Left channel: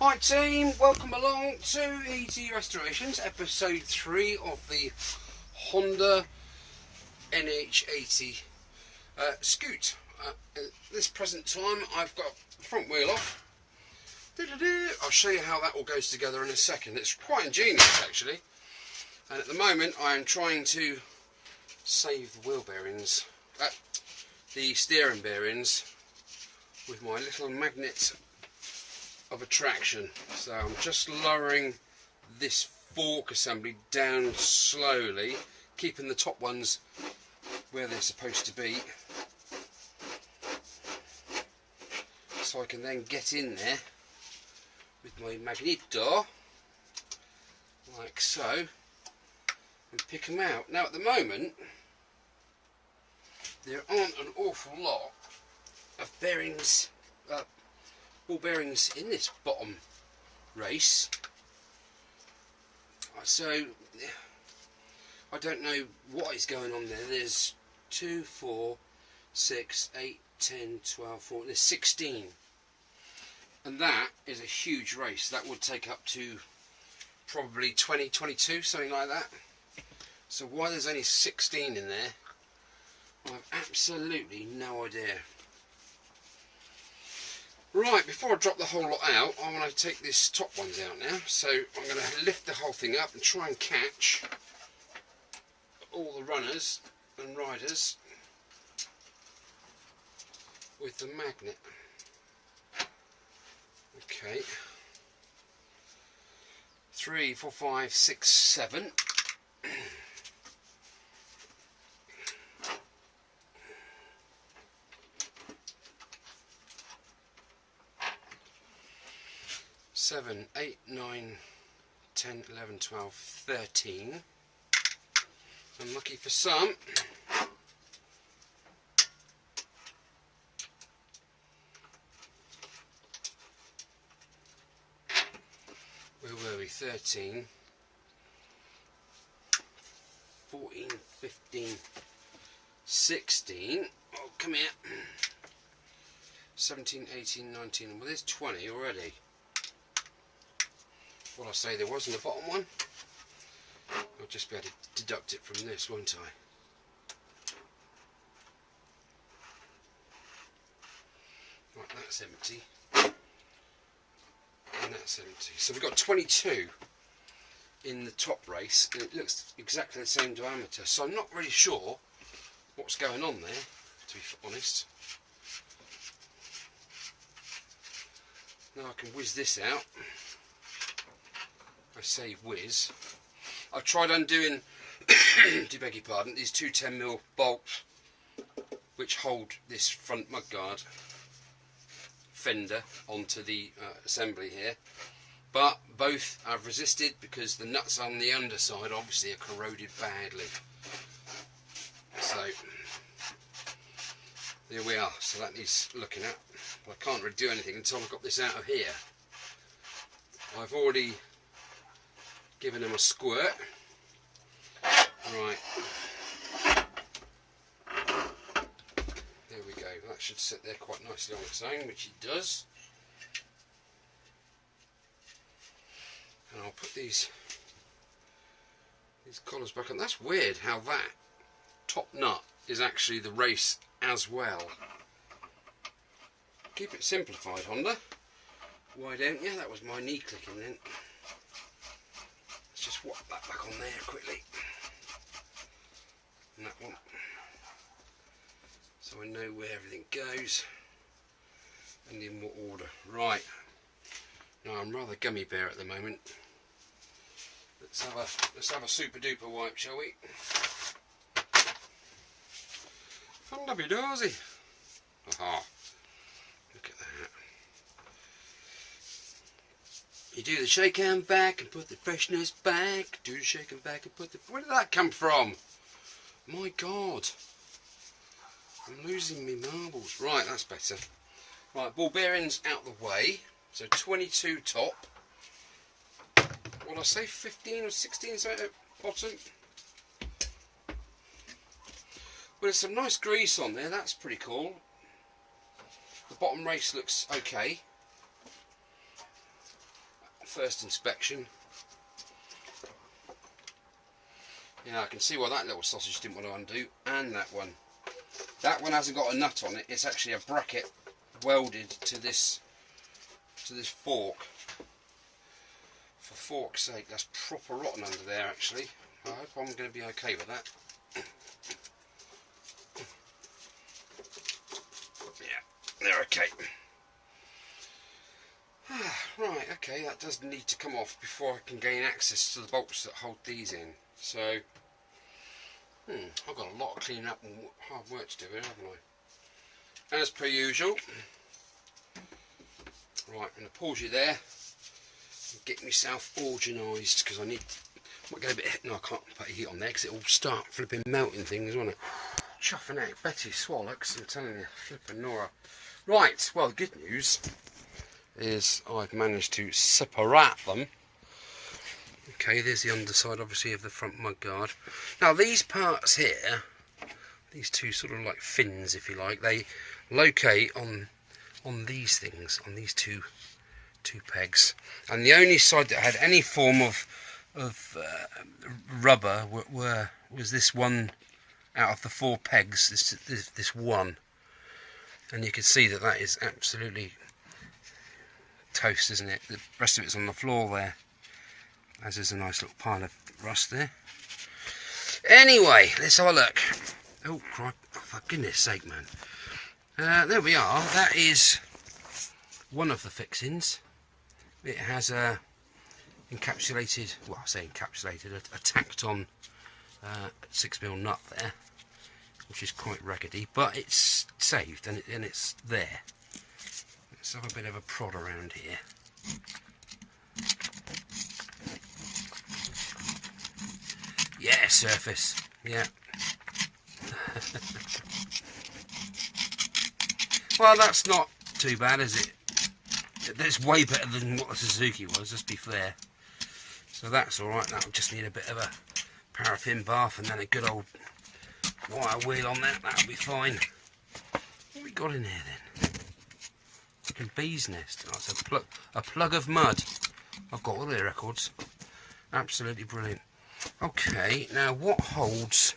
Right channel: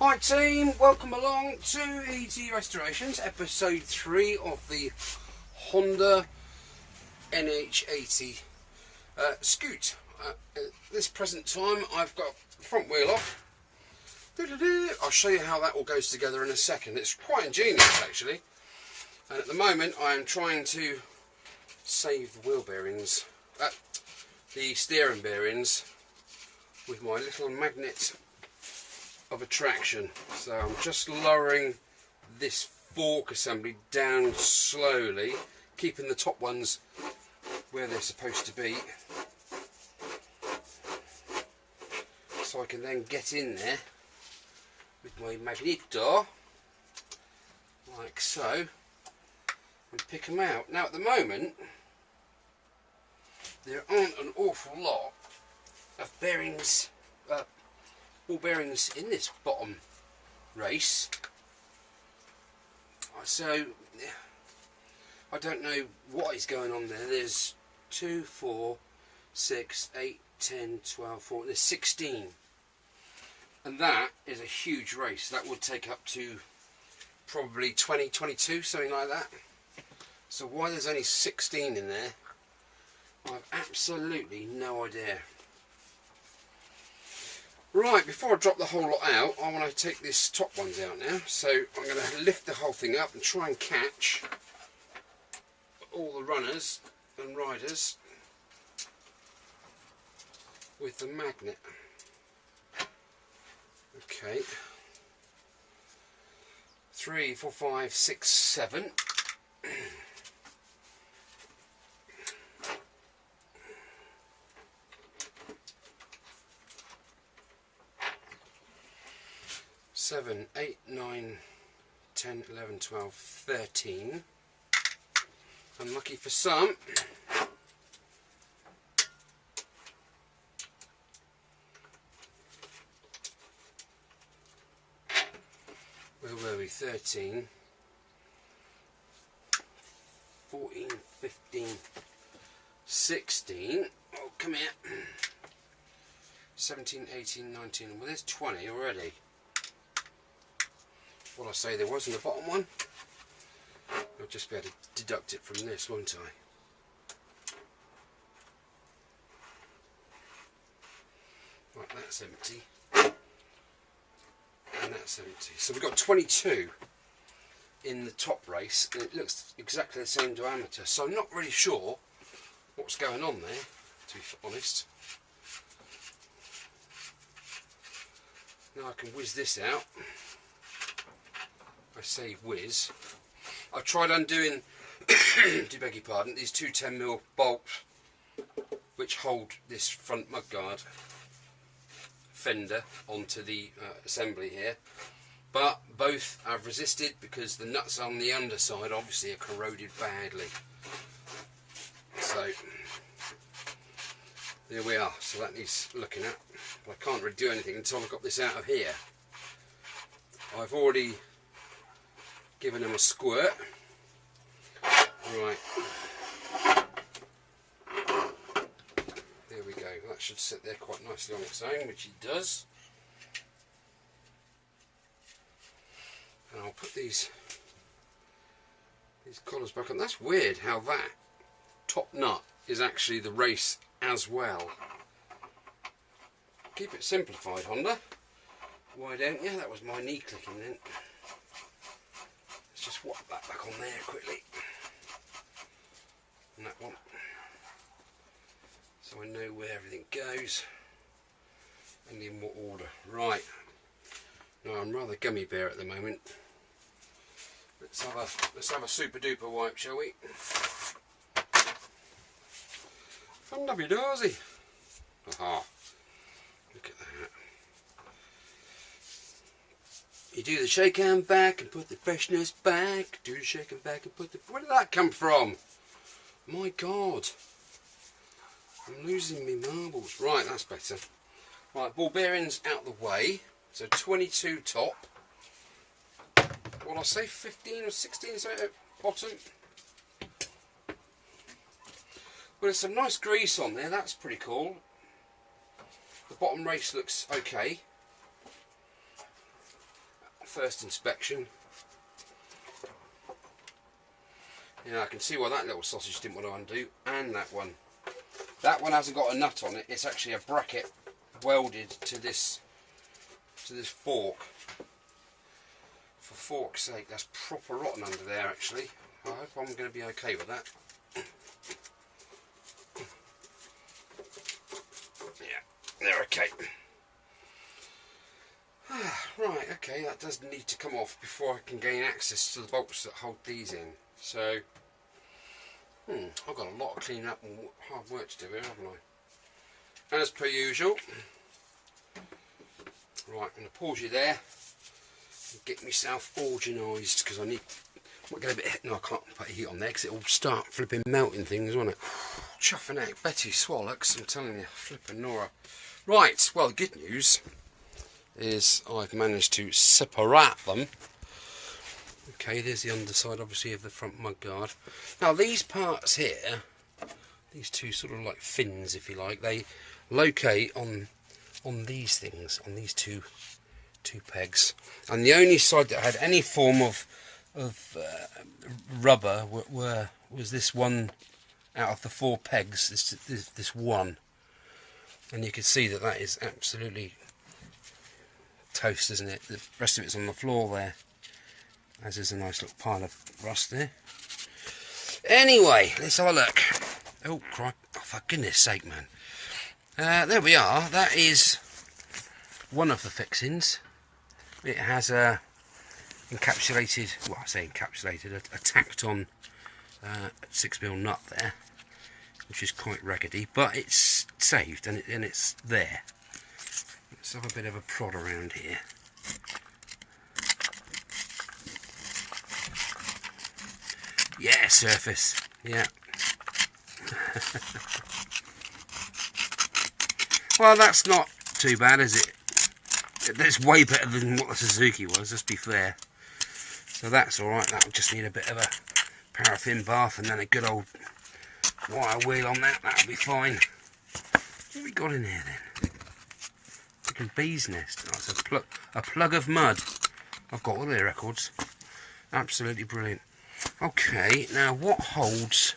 Hi team, welcome along to Easy Restorations, episode 3 of the Honda NH80 Scoot. At this present time I've got the front wheel off. I'll show you how that all goes together in a second. It's quite ingenious actually. And at the moment I am trying to save the wheel bearings, the steering bearings, with my little magnet of attraction. So I'm just lowering this fork assembly down slowly, keeping the top ones where they're supposed to be, so I can then get in there with my magneto like so and pick them out. Now at the moment there aren't an awful lot of bearings, ball bearings in this bottom race, so I don't know what is going on there. There's 2, 4, 6, 8, 10, 12, 14, there's 16, and that is a huge race. That would take up to probably 20, 22, something like that. So why there's only 16 in there, I have absolutely no idea. Right, before I drop the whole lot out, I want to take this top ones out now. So I'm going to lift the whole thing up and try and catch all the runners and riders with the magnet. Okay. 3, 4, 5, 6, 7. 7, 8, 9, 10, 11, 12, 13. Unlucky for some. Where were we? 13, 14, 15, 16. Oh, come here. 17, 18, 19. Well, there's 20 already. What I say there was in the bottom one, I'll just be able to deduct it from this, won't I? Right, that's empty, and that's empty. So we've got 22 in the top race, and it looks exactly the same diameter. So I'm not really sure what's going on there, to be honest. Now I can whiz this out. I say whiz. I've tried undoing, do beg your pardon, these two 10mm bolts which hold this front mudguard fender onto the assembly here, but both I've resisted because the nuts on the underside obviously are corroded badly. So there we are. So that needs looking at, but I can't really do anything until I've got this out of here. I've already giving them a squirt. Right, there we go. That should sit there quite nicely on its own, which it does. And I'll put these collars back on. That's weird how that top nut is actually the race as well. Keep it simplified, Honda. Why don't you? That was my knee clicking then. Just whop that back on there quickly, and that one, so I know where everything goes and in what order. Right, now I'm rather gummy bear at the moment. Let's have a super duper wipe, shall we? Fun W dozy. Aha! Look at that. You do the shake and back and put the freshness back. Do the shake and back and put the... Where did that come from? My God. I'm losing me marbles. Right, that's better. Right, ball bearings out the way. So 22 top. What did I say? 15 or 16 so at bottom. Well, there's some nice grease on there. That's pretty cool. The bottom race looks okay. first inspection. Yeah, I can see why that little sausage didn't want to undo, and that one. That one hasn't got a nut on it. It's actually a bracket welded to this fork. For fork's sake, that's proper rotten under there actually. I hope I'm going to be okay with that. Yeah, they're okay. Right, okay, that does need to come off before I can gain access to the bolts that hold these in. So, I've got a lot of cleaning up and hard work to do here, haven't I? As per usual. Right, I'm going to pause you there and get myself organised because I need. Might get a bit. No, I can't put heat on there because it'll start flipping melting things, won't it? Chuffing out Betty Swallocks, I'm telling you, flipping Nora. Right, well, the good news is I've managed to separate them. Okay, there's the underside obviously of the front mudguard. Now these parts here, these two sort of like fins if you like, they locate on these things, on these two pegs. And the only side that had any form of rubber was this one out of the 4 pegs, this one. And you can see that is absolutely toast, isn't it? The rest of it's on the floor there, as is a nice little pile of rust there. Anyway, let's have a look. Oh, crap. Oh, for goodness sake, man. There we are. That is one of the fixings. It has a encapsulated, well, I say encapsulated, a tacked on 6mm nut there, which is quite raggedy, but it's saved and it's there. Let's have a bit of a prod around here. Yeah, surface. Yeah. Well, that's not too bad, is it? That's way better than what the Suzuki was, let's be fair. So that's alright. That'll just need a bit of a paraffin bath and then a good old wire wheel on that. That'll be fine. What have we got in here then? Freaking bee's nest. Oh, it's a plug of mud. I've got all their records. Absolutely brilliant. Okay, now what holds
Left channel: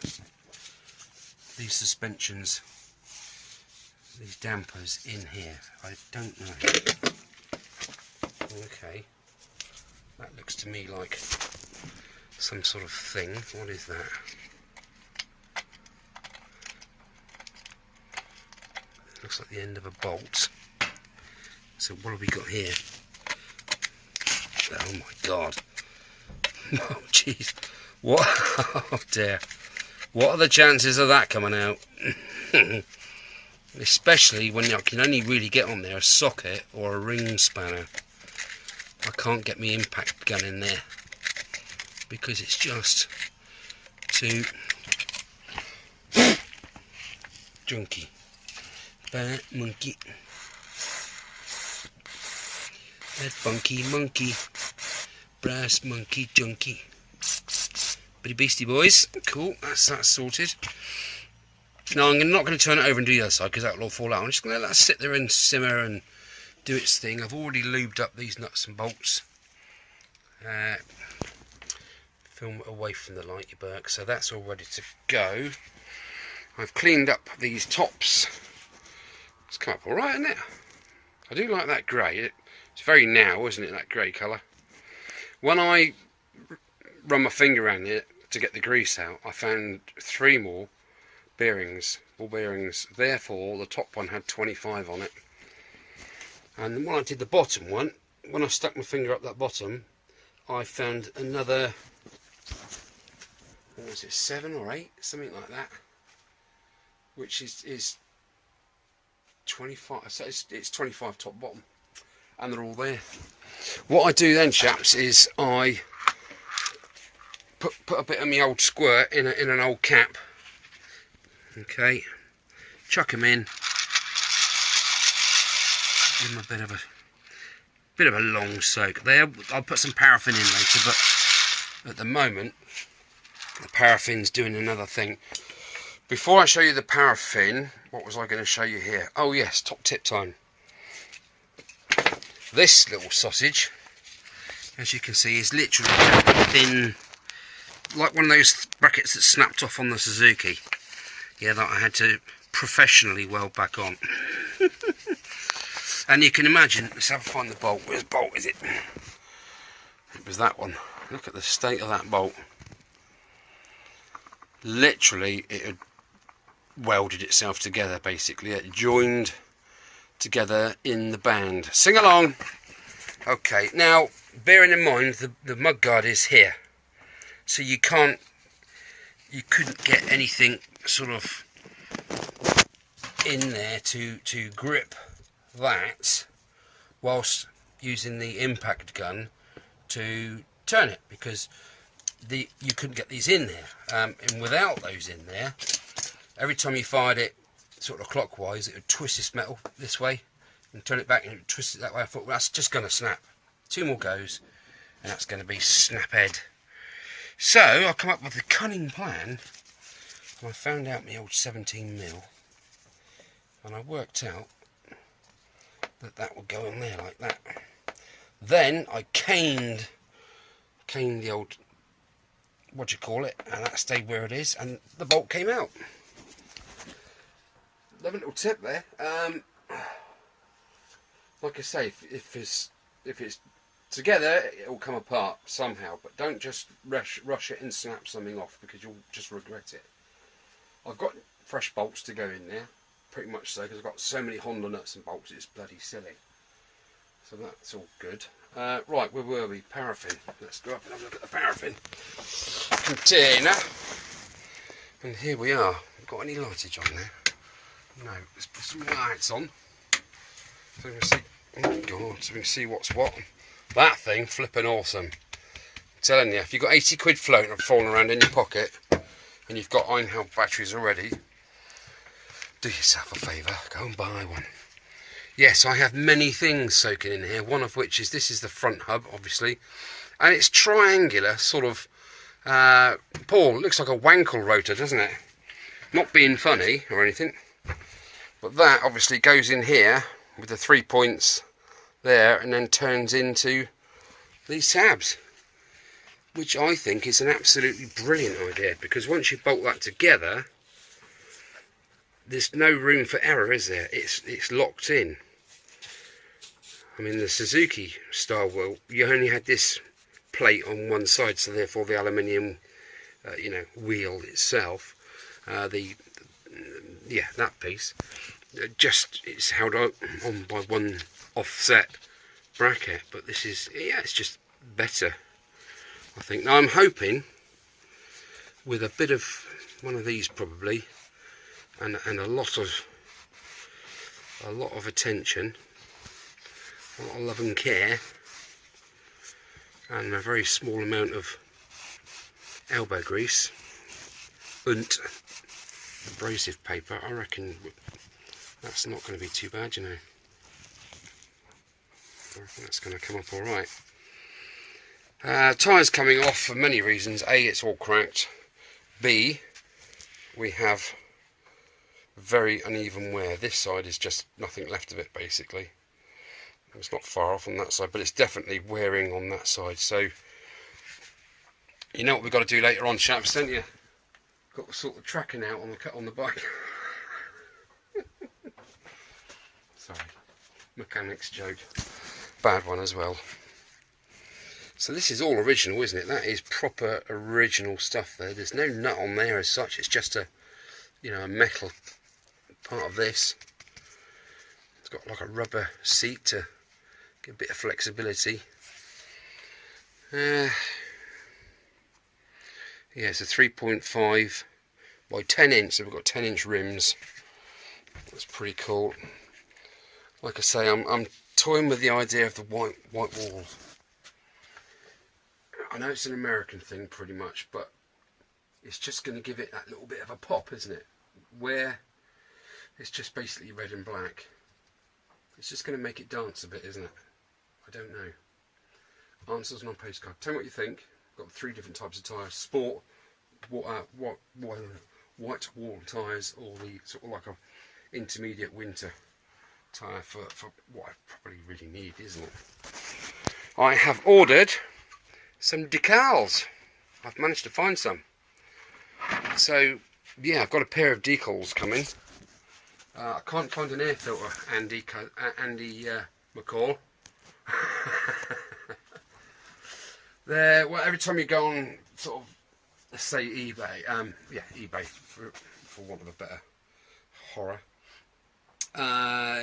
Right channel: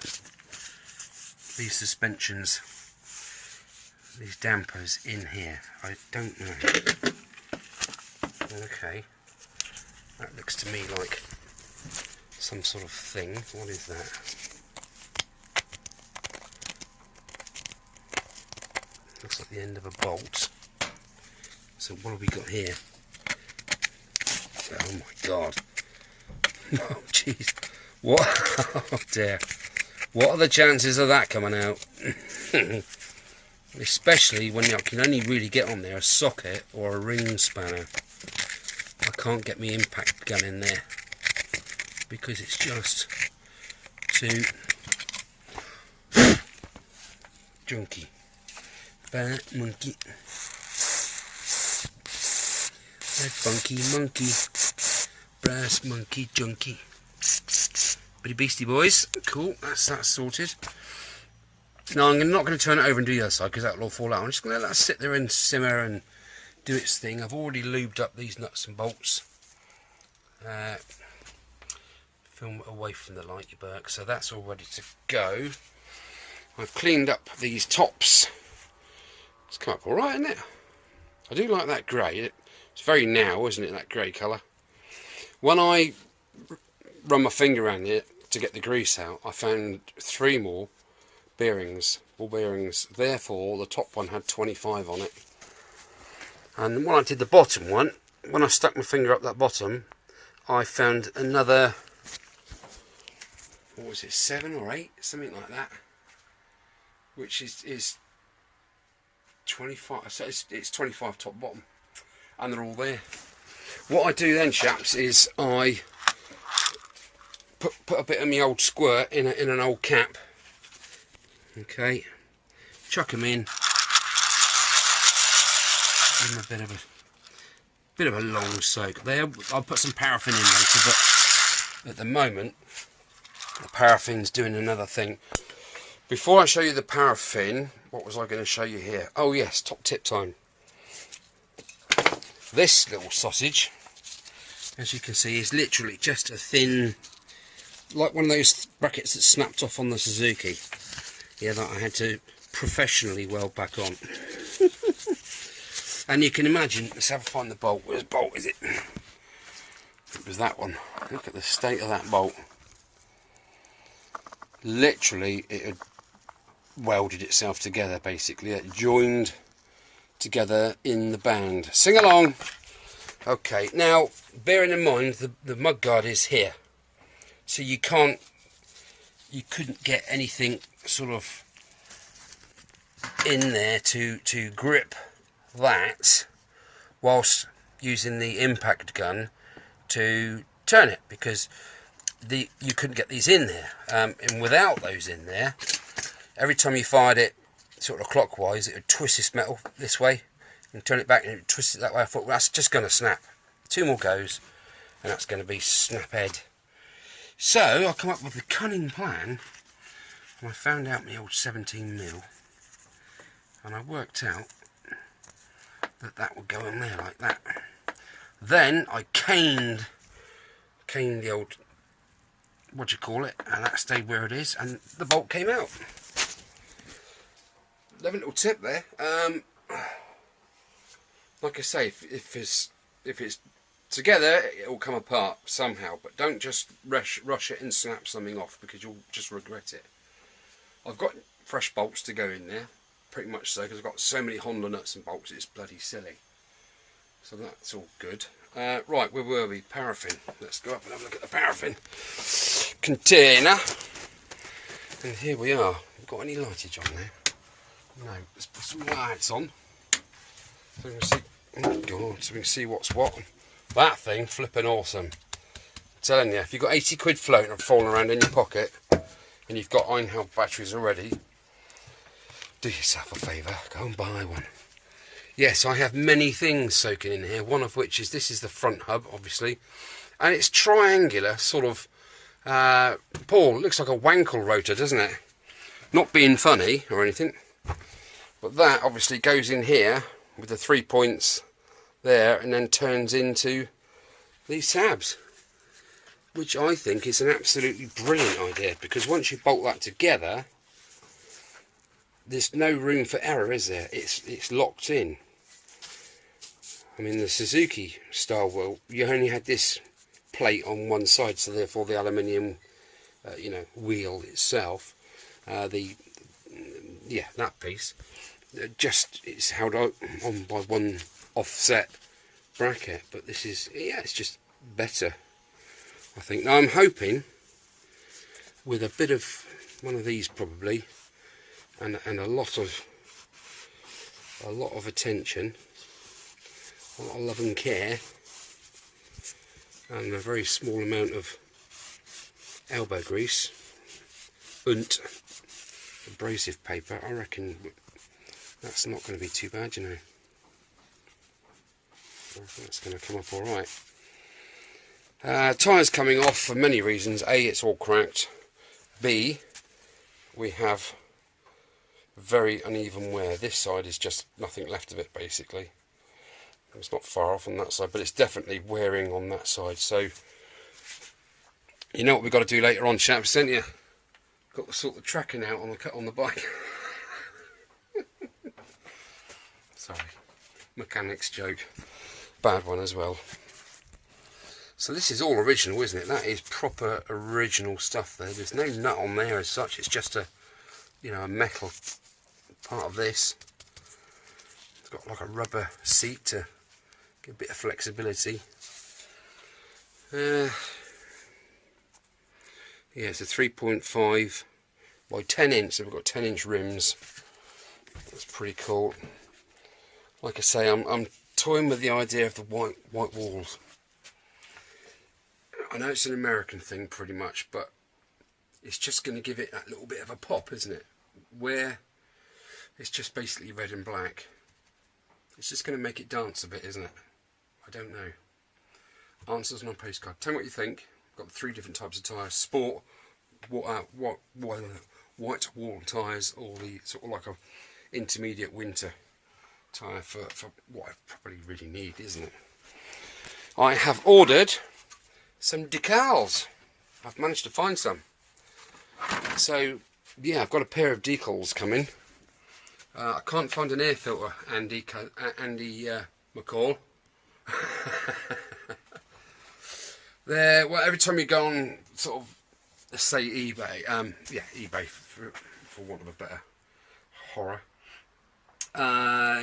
these suspensions, these dampers in here? I don't know. Okay, that looks to me like some sort of thing. What is that? Looks like the end of a bolt. So what have we got here? Oh my god. Oh jeez. What? Oh dear. What are the chances of that coming out? Especially when you can only really get on there a socket or a ring spanner. I can't get my impact gun in there because it's just too junky. Bad monkey. That funky monkey. Brass monkey junkie. Pretty beastie boys. Cool, that's that sorted. Now I'm not going to turn it over and do the other side because that will all fall out. I'm just going to let that sit there and simmer and do its thing. I've already lubed up these nuts and bolts. Film away from the light, you Burke. So that's all ready to go. I've cleaned up these tops. It's come up alright, isn't it? I do like that grey. It's very now, isn't it, that grey colour? When I run my finger around it to get the grease out, I found 3 more bearings, ball bearings. Therefore, the top one had 25 on it. And when I did the bottom one, when I stuck my finger up that bottom, I found another, what was it, 7 or 8, something like that, which is 25. So it's 25 top bottom, and they're all there. What I do then, chaps, is I put a bit of my old squirt in an old cap. Okay, chuck them in. Give them a bit of a long soak. I'll put some paraffin in later, but at the moment the paraffin's doing another thing. Before I show you the paraffin, what was I going to show you here? Oh yes, top tip time. This little sausage as you can see, is literally just a thin, like one of those brackets that snapped off on the Suzuki. Yeah, that I had to professionally weld back on. And you can imagine, let's have a find the bolt. Where's the bolt, is it? It was that one. Look at the state of that bolt. Literally, it had welded itself together, basically. It joined together in the band. Sing along! Okay, now, bearing in mind, the mudguard is here. So you couldn't get anything sort of in there to grip that whilst using the impact gun to turn it, because you couldn't get these in there, and without those in there, every time you fired it sort of clockwise, it would twist this metal this way and turn it back, and it would twist it that way. I thought, well, that's just going to snap. 2 more goes and that's going to be snap head. So I come up with a cunning plan, and I found out my old 17mm, and I worked out that would go in there like that. Then I caned the old, what do you call it, and that stayed where it is, and the bolt came out. Lovely little tip there. Like I say, if it's together, it'll come apart somehow, but don't just rush it and snap something off, because you'll just regret it. I've got fresh bolts to go in there, pretty much so, because I've got so many Honda nuts and bolts, it's bloody silly. So that's all good. Right, where were we? Paraffin. Let's go up and have a look at the paraffin container. And here we are. Got any lightage on there? No. Let's put some lights on, so we can see. Oh God! So we can see what's what. That thing flipping awesome. I'm telling you, if you've got 80 quid floating and falling around in your pocket, and you've got Einheld batteries already, do yourself a favour, go and buy one. Yes, I have many things soaking in here, one of which is, this is the front hub, obviously, and it's triangular, sort of, Paul, it looks like a Wankel rotor, doesn't it? Not being funny or anything, but that obviously goes in here with the 3 points there, and then turns into these tabs, which I think is an absolutely brilliant idea, because once you bolt that together, there's no room for error, is there? It's locked in. I mean, the Suzuki style wheel, you only had this plate on one side, so therefore the aluminium, wheel itself, that piece, it's held on by one offset bracket. But this is, it's just better, I think. Now I'm hoping with a bit of one of these probably, and a lot of attention, a lot of love and care, and a very small amount of elbow grease and abrasive paper, I reckon that's not going to be too bad, you know. I reckon that's going to come up alright. Tyres coming off for many reasons. A, it's all cracked. B, we have very uneven wear. This side is just nothing left of it, basically. It's not far off on that side, but it's definitely wearing on that side. So you know what we've got to do later on, chaps, don't you? Got to sort the tracking out on the bike. Sorry, mechanic's joke, bad one as well. So this is all original, isn't it? That is proper original stuff there. There's no nut on there as such. It's just a metal part of this. It's got like a rubber seat to get a bit of flexibility. Yeah, it's a 3.5 by 10 inch, so we've got 10 inch rims. That's pretty cool. Like I say, I'm toying with the idea of the white walls. I know it's an American thing pretty much, but it's just going to give it that little bit of a pop, isn't it? Where it's just basically red and black. It's just going to make it dance a bit, isn't it? I don't know. Answers on a postcard. Tell me what you think. Got 3 different types of tyres: sport, white wall tyres, or the sort of like a intermediate winter tyre for what I probably really need, isn't it? I have ordered some decals. I've managed to find some. So yeah, I've got a pair of decals coming. I can't find an air filter, Andy McCall. Well, every time you go on sort of, let's say eBay, yeah, eBay for want of a better horror,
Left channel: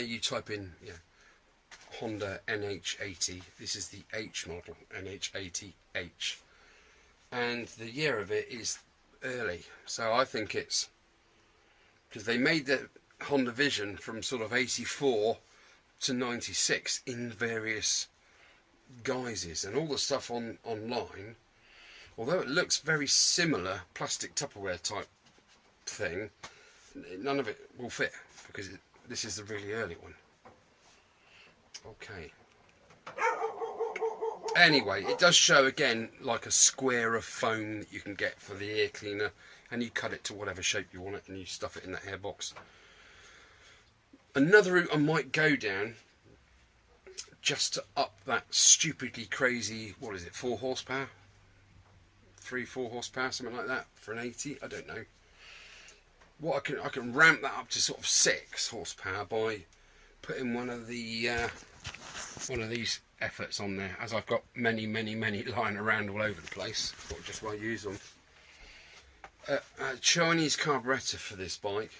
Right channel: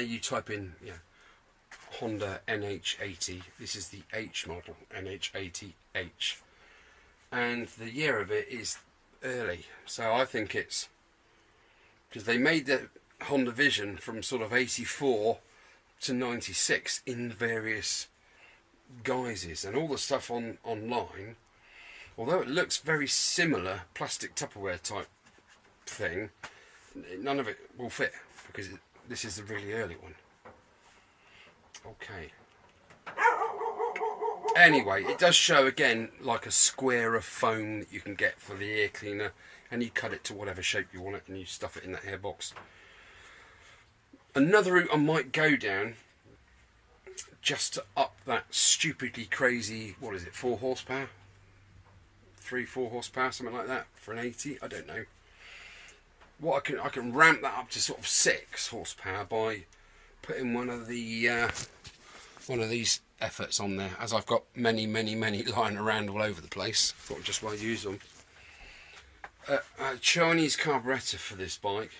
you type in, yeah, Honda NH80. This is the H model, NH80H, and the year of it is early. So I think it's because they made the Honda Vision from sort of 84 to 96 in various guises, and all the stuff online, although it looks very similar, plastic Tupperware type thing, none of it will fit because this is the really early one. Okay. Anyway, it does show again like a square of foam that you can get for the air cleaner, and you cut it to whatever shape you want it and you stuff it in that air box. Another route I might go down, just to up that stupidly crazy, what is it, 4 horsepower? 3-4 horsepower, something like that, for an 80, I don't know. What I can ramp that up to sort of 6 horsepower by putting one of these efforts on there, as I've got many lying around all over the place. Thought just why use them. A Chinese carburettor for this bike.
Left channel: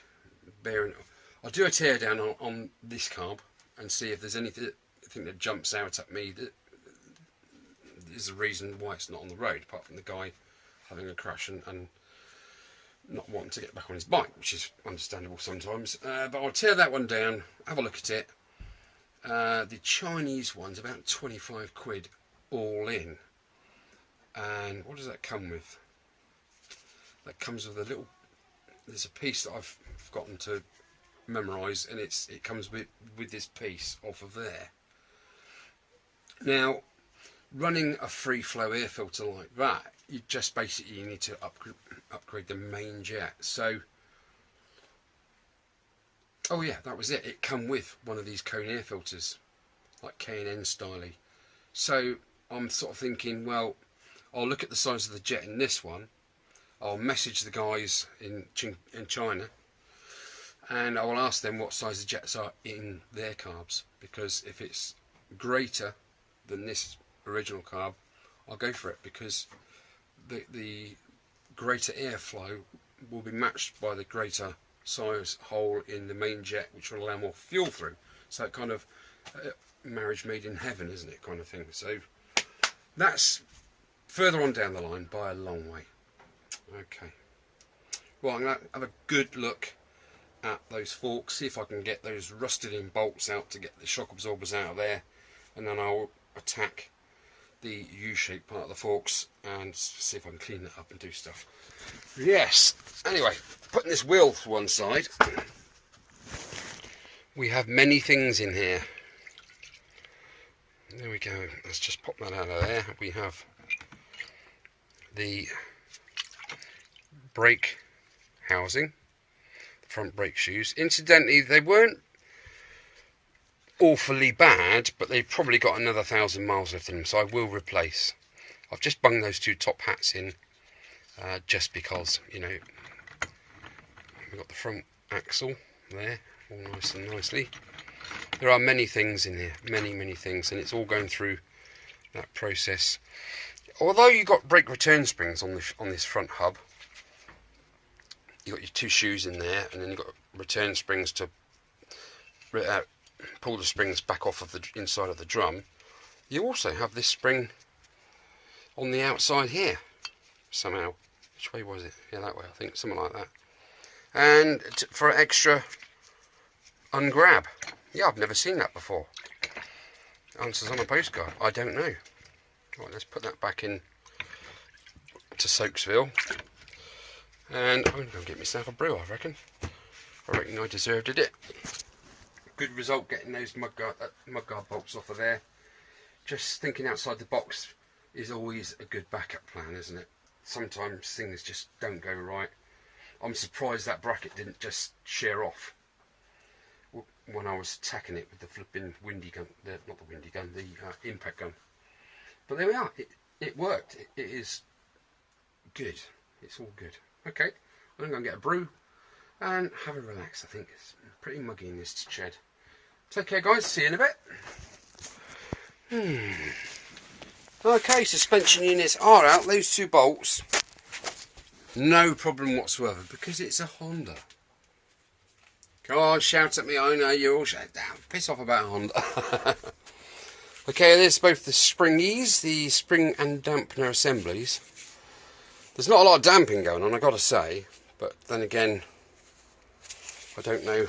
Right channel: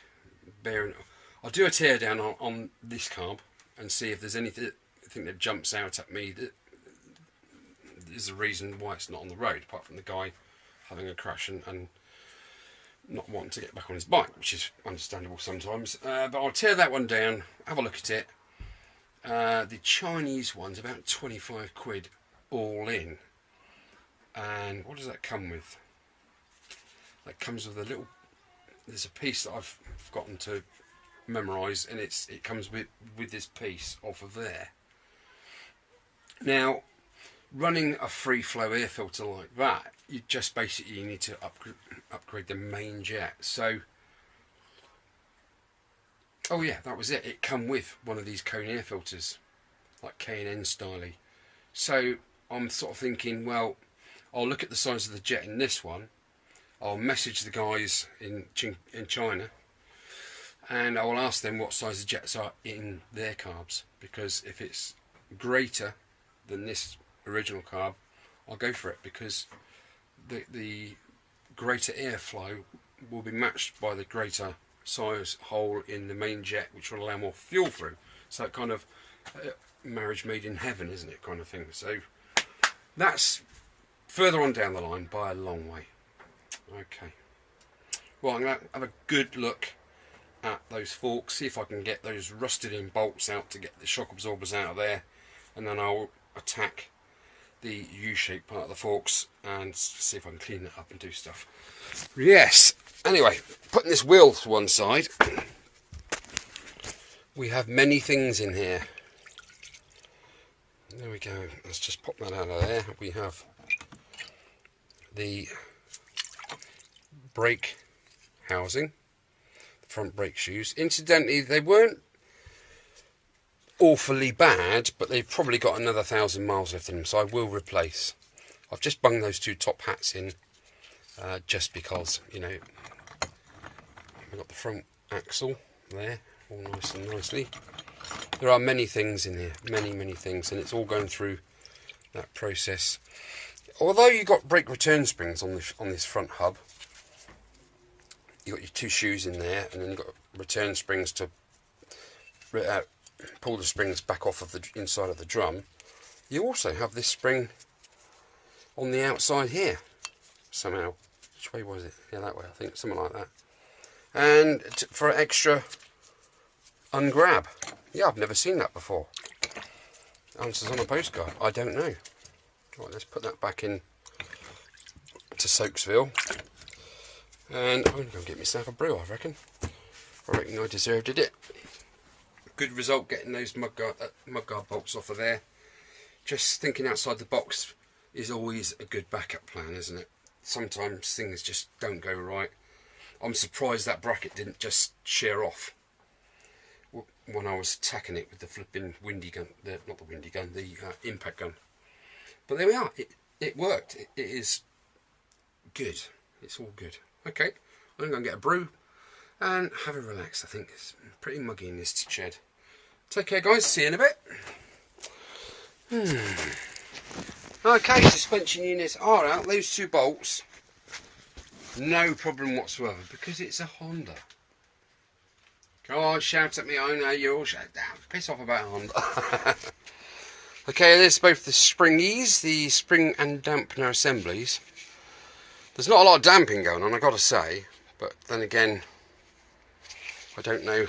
I'll do a teardown on this carb and see if there's anything that jumps out at me that is a reason why it's not on the road, apart from the guy having a crash and not wanting to get back on his bike, which is understandable sometimes. But I'll tear that one down, have a look at it. The Chinese one's about 25 quid all in. And what does that come with? That comes with a little, there's a piece that I've forgotten to memorise, and it comes with this piece off of there. Now, running a free flow air filter like that, you just basically need to upgrade the main jet. So, oh yeah, that was it. It come with one of these cone air filters, like K&N styly. So I'm sort of thinking, well, I'll look at the size of the jet in this one. I'll message the guys in China, and I will ask them what size the jets are in their carbs, because if it's greater than this original carb, I'll go for it, because the greater airflow will be matched by the greater size hole in the main jet, which will allow more fuel through. So it kind of marriage made in heaven, isn't it, kind of thing. So that's further on down the line by a long way. Okay, well, I'm going to have a good look at those forks, see if I can get those rusted in bolts out to get the shock absorbers out of there, and then I'll attack the U-shaped part of the forks and see if I can clean it up and do stuff. Yes, anyway, putting this wheel to one side, we have many things in here. There we go, let's just pop that out of there. We have the brake housing, the front brake shoes. Incidentally, they weren't awfully bad, but they've probably got another 1,000 miles left in them, so I will replace. I've just bunged those 2 top hats in, just because, you know, we've got the front axle there, all nice and nicely. There are many things in here, many things, and it's all going through that process. Although you've got brake return springs on this front hub, you've got your 2 shoes in there, and then you've got return springs to pull the springs back off of the inside of the drum. You also have this spring on the outside here, somehow. Which way was it? Yeah, that way, I think, something like that. And for extra ungrab. Yeah, I've never seen that before. Answers on a postcard. I don't know. Right, let's put that back in to Soaksville. And I'm going to go get myself a brew, I reckon. I reckon I deserved it. Good result getting those mudguard bolts off of there. Just thinking outside the box is always a good backup plan, isn't it? Sometimes things just don't go right. I'm surprised that bracket didn't just shear off when I was attacking it with the flipping windy gun, not the windy gun, the impact gun. But there we are. It worked. It is good. It's all good. Okay, I'm going to get a brew and have a relax. I think it's pretty muggy in this shed. Take care, guys. See you in a bit. Okay, suspension units are out. Those 2 bolts, no problem whatsoever, because it's a Honda. Go on, shout at me. I know you're all shut down. Piss off about Honda. Okay, there's both the springies, the spring and dampener assemblies. There's not a lot of damping going on, I got to say, but then again, I don't know.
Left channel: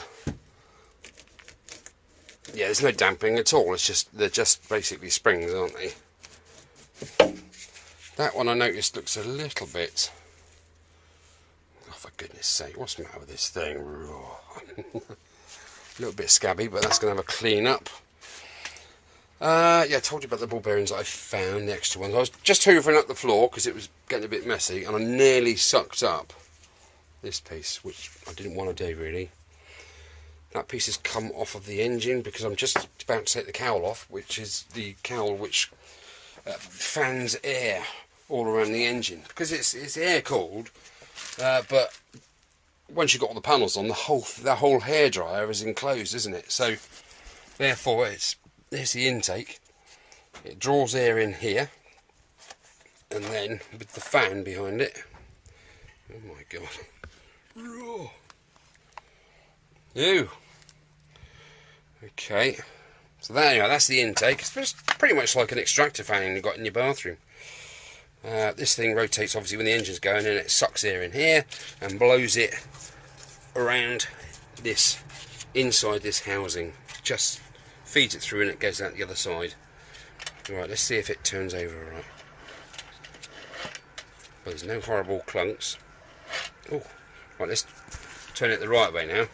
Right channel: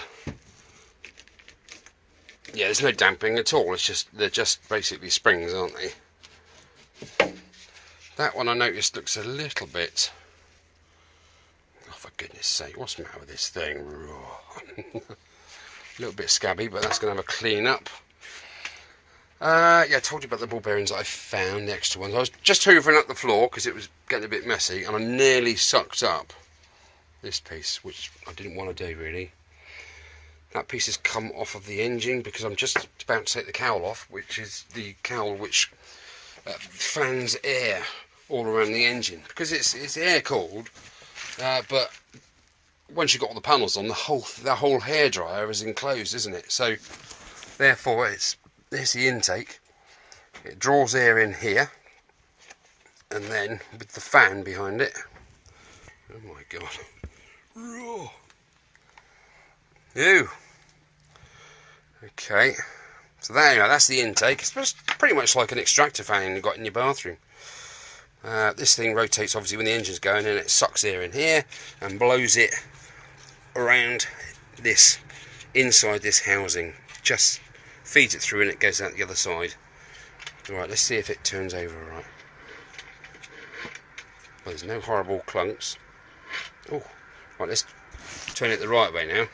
Yeah, there's no damping at all. It's just they're just basically springs, aren't they? That one I noticed looks a little bit. Oh, for goodness sake, what's the matter with this thing? A little bit scabby, but that's going to have a clean up. Yeah, I told you about the ball bearings that I found, the extra ones. I was just hoovering up the floor because it was getting a bit messy, and I nearly sucked up this piece, which I didn't want to do really. That piece has come off of the engine because I'm just about to take the cowl off, which is the cowl which fans air all around the engine, because it's air cooled, but once you've got all the panels on, the whole hairdryer is enclosed, isn't it? So therefore there's the intake. It draws air in here, and then with the fan behind it, oh my god. Ew. Okay, so there you are, that's the intake. It's pretty much like an extractor fan you've got in your bathroom. This thing rotates obviously when the engine's going, and it sucks air in here and blows it around this, inside this housing. Just feeds it through and it goes out the other side. Right, let's see if it turns over right. Well, there's no horrible clunks. Oh, right, let's turn it the right way now.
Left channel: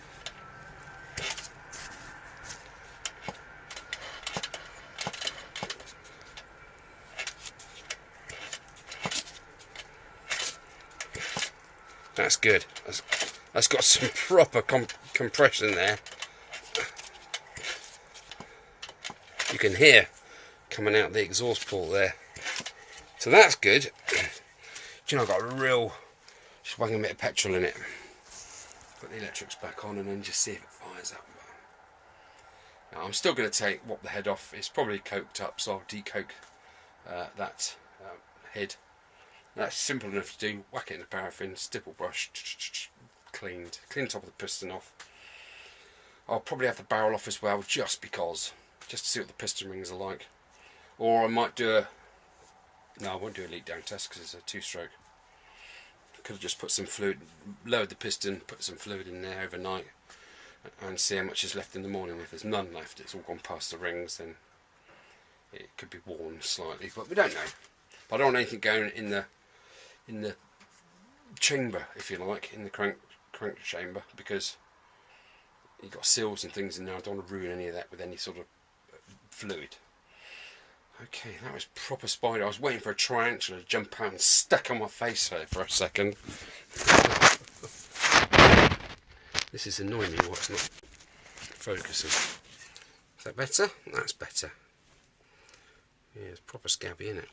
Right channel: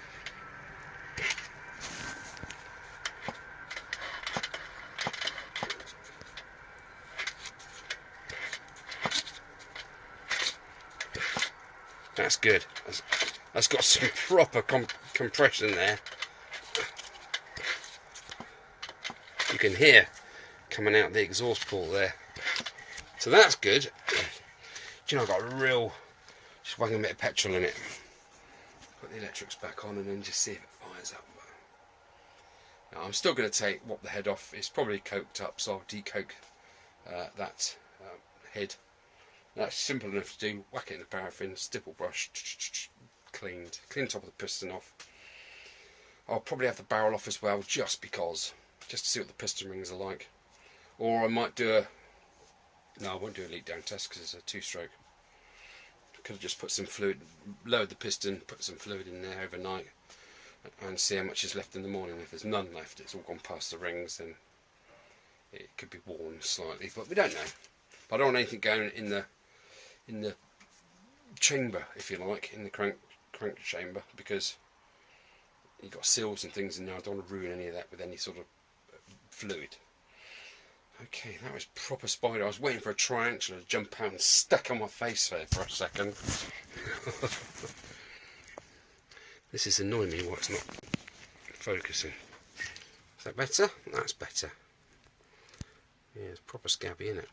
That's good. That's got some proper compression there. You can hear coming out the exhaust port there. So that's good. Do you know, I've got a real, just whang a bit of petrol in it. Put the electrics back on and then just see if it fires up. Now, I'm still going to wop the head off. It's probably coked up, so I'll decoke that head. That's simple enough to do. Whack it in the paraffin, stipple brush, clean top of the piston off. I'll probably have the barrel off as well, just to see what the piston rings are like. Or I might do no, I won't do a leak down test because it's a 2-stroke. Could have just put some fluid, lowered the piston, put some fluid in there overnight, and see how much is left in the morning. If there's none left, it's all gone past the rings, then it could be worn slightly, but we don't know. But I don't want anything going in the chamber, if you like, in the crank chamber, because you've got seals and things in there. I don't want to ruin any of that with any sort of fluid. Okay, that was proper spider. I was waiting for a tarantula to jump out and stuck on my face there for a second. This is annoying me, what's not focusing. Is that better? That's better. Yeah, it's proper scabby, isn't it?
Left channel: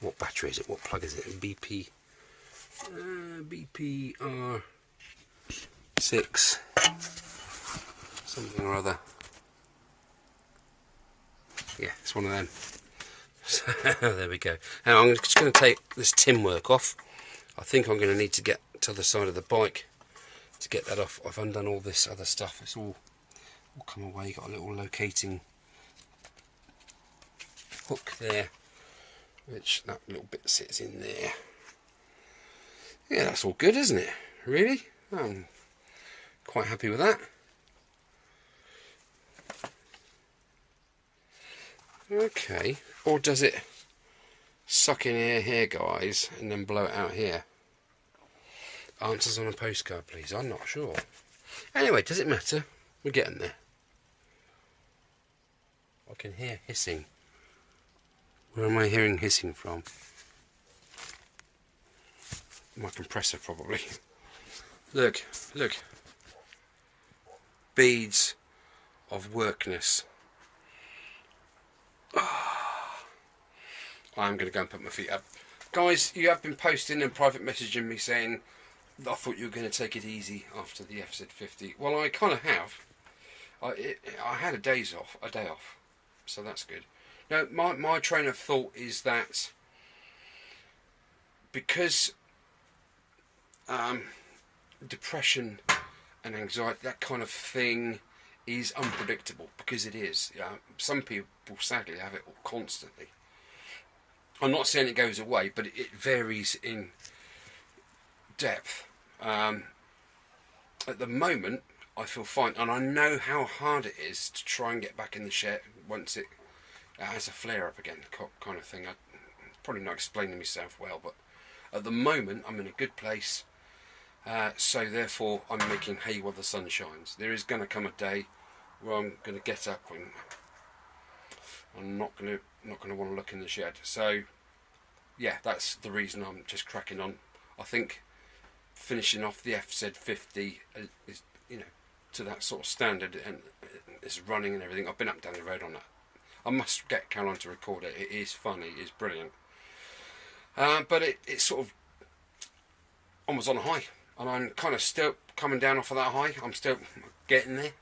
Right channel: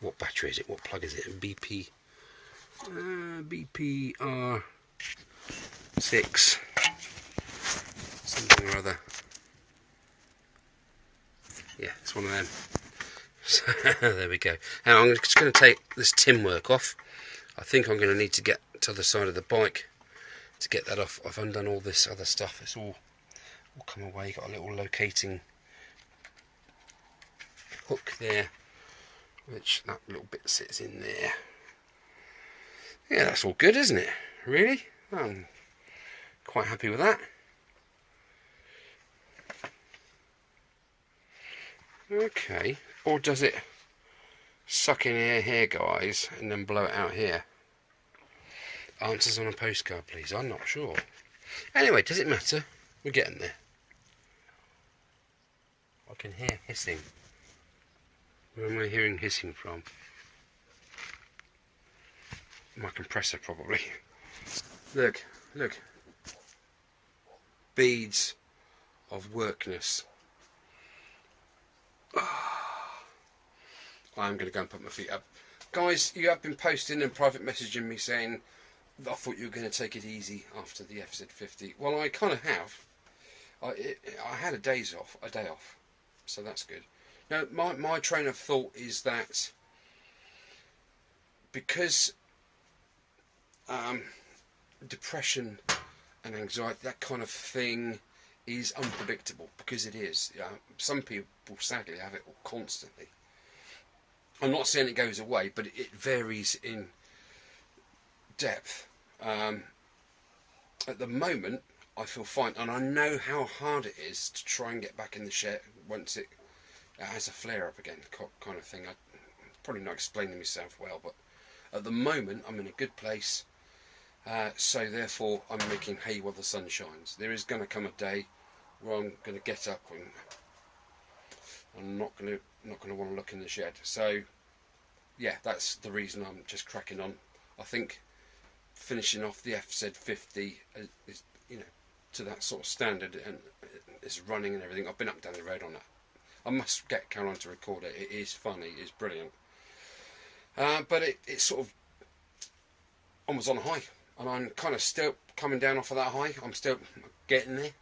What battery is it? What plug is it? BP BPR6 something or other. Yeah, it's one of them. So, there we go. Now I'm just going to take this tin work off. I think I'm going to need to get to the side of the bike to get that off. I've undone all this other stuff. It's all come away. Got a little locating hook there, which that little bit sits in there. Yeah, that's all good, isn't it? Really? I'm quite happy with that. Okay, or does it suck in air here, guys, and then blow it out here? Answers on a postcard, please. I'm not sure. Anyway, does it matter? We're getting there. I can hear hissing. Where am I hearing hissing from? My compressor, probably. Look, look. Beads of workness. I'm going to go and put my feet up. Guys, you have been posting and private messaging me saying I thought you were going to take it easy after the FZ50. Well, I kind of have. I had a day off, so that's good. Now, my train of thought is that because depression and anxiety, that kind of thing, is unpredictable, because it is. Some people sadly have it constantly. I'm not saying it goes away, but it varies in depth. At the moment, I feel fine, and I know how hard it is to try and get back in the shed once it has a flare up again, kind of thing. I'm probably not explaining myself well, but at the moment I'm in a good place. So therefore I'm making hay while the sun shines. There is going to come a day where I'm going to get up and I'm not going to want to look in the shed. So yeah, that's the reason I'm just cracking on. I think finishing off the FZ50 is, you know, to that sort of standard, and it's running and everything. I've been up and down the road on that. I must get Caroline to record it. It is funny, it's brilliant. But it's sort of almost on a high, and I'm kind of still coming down off of that high. I'm still getting there,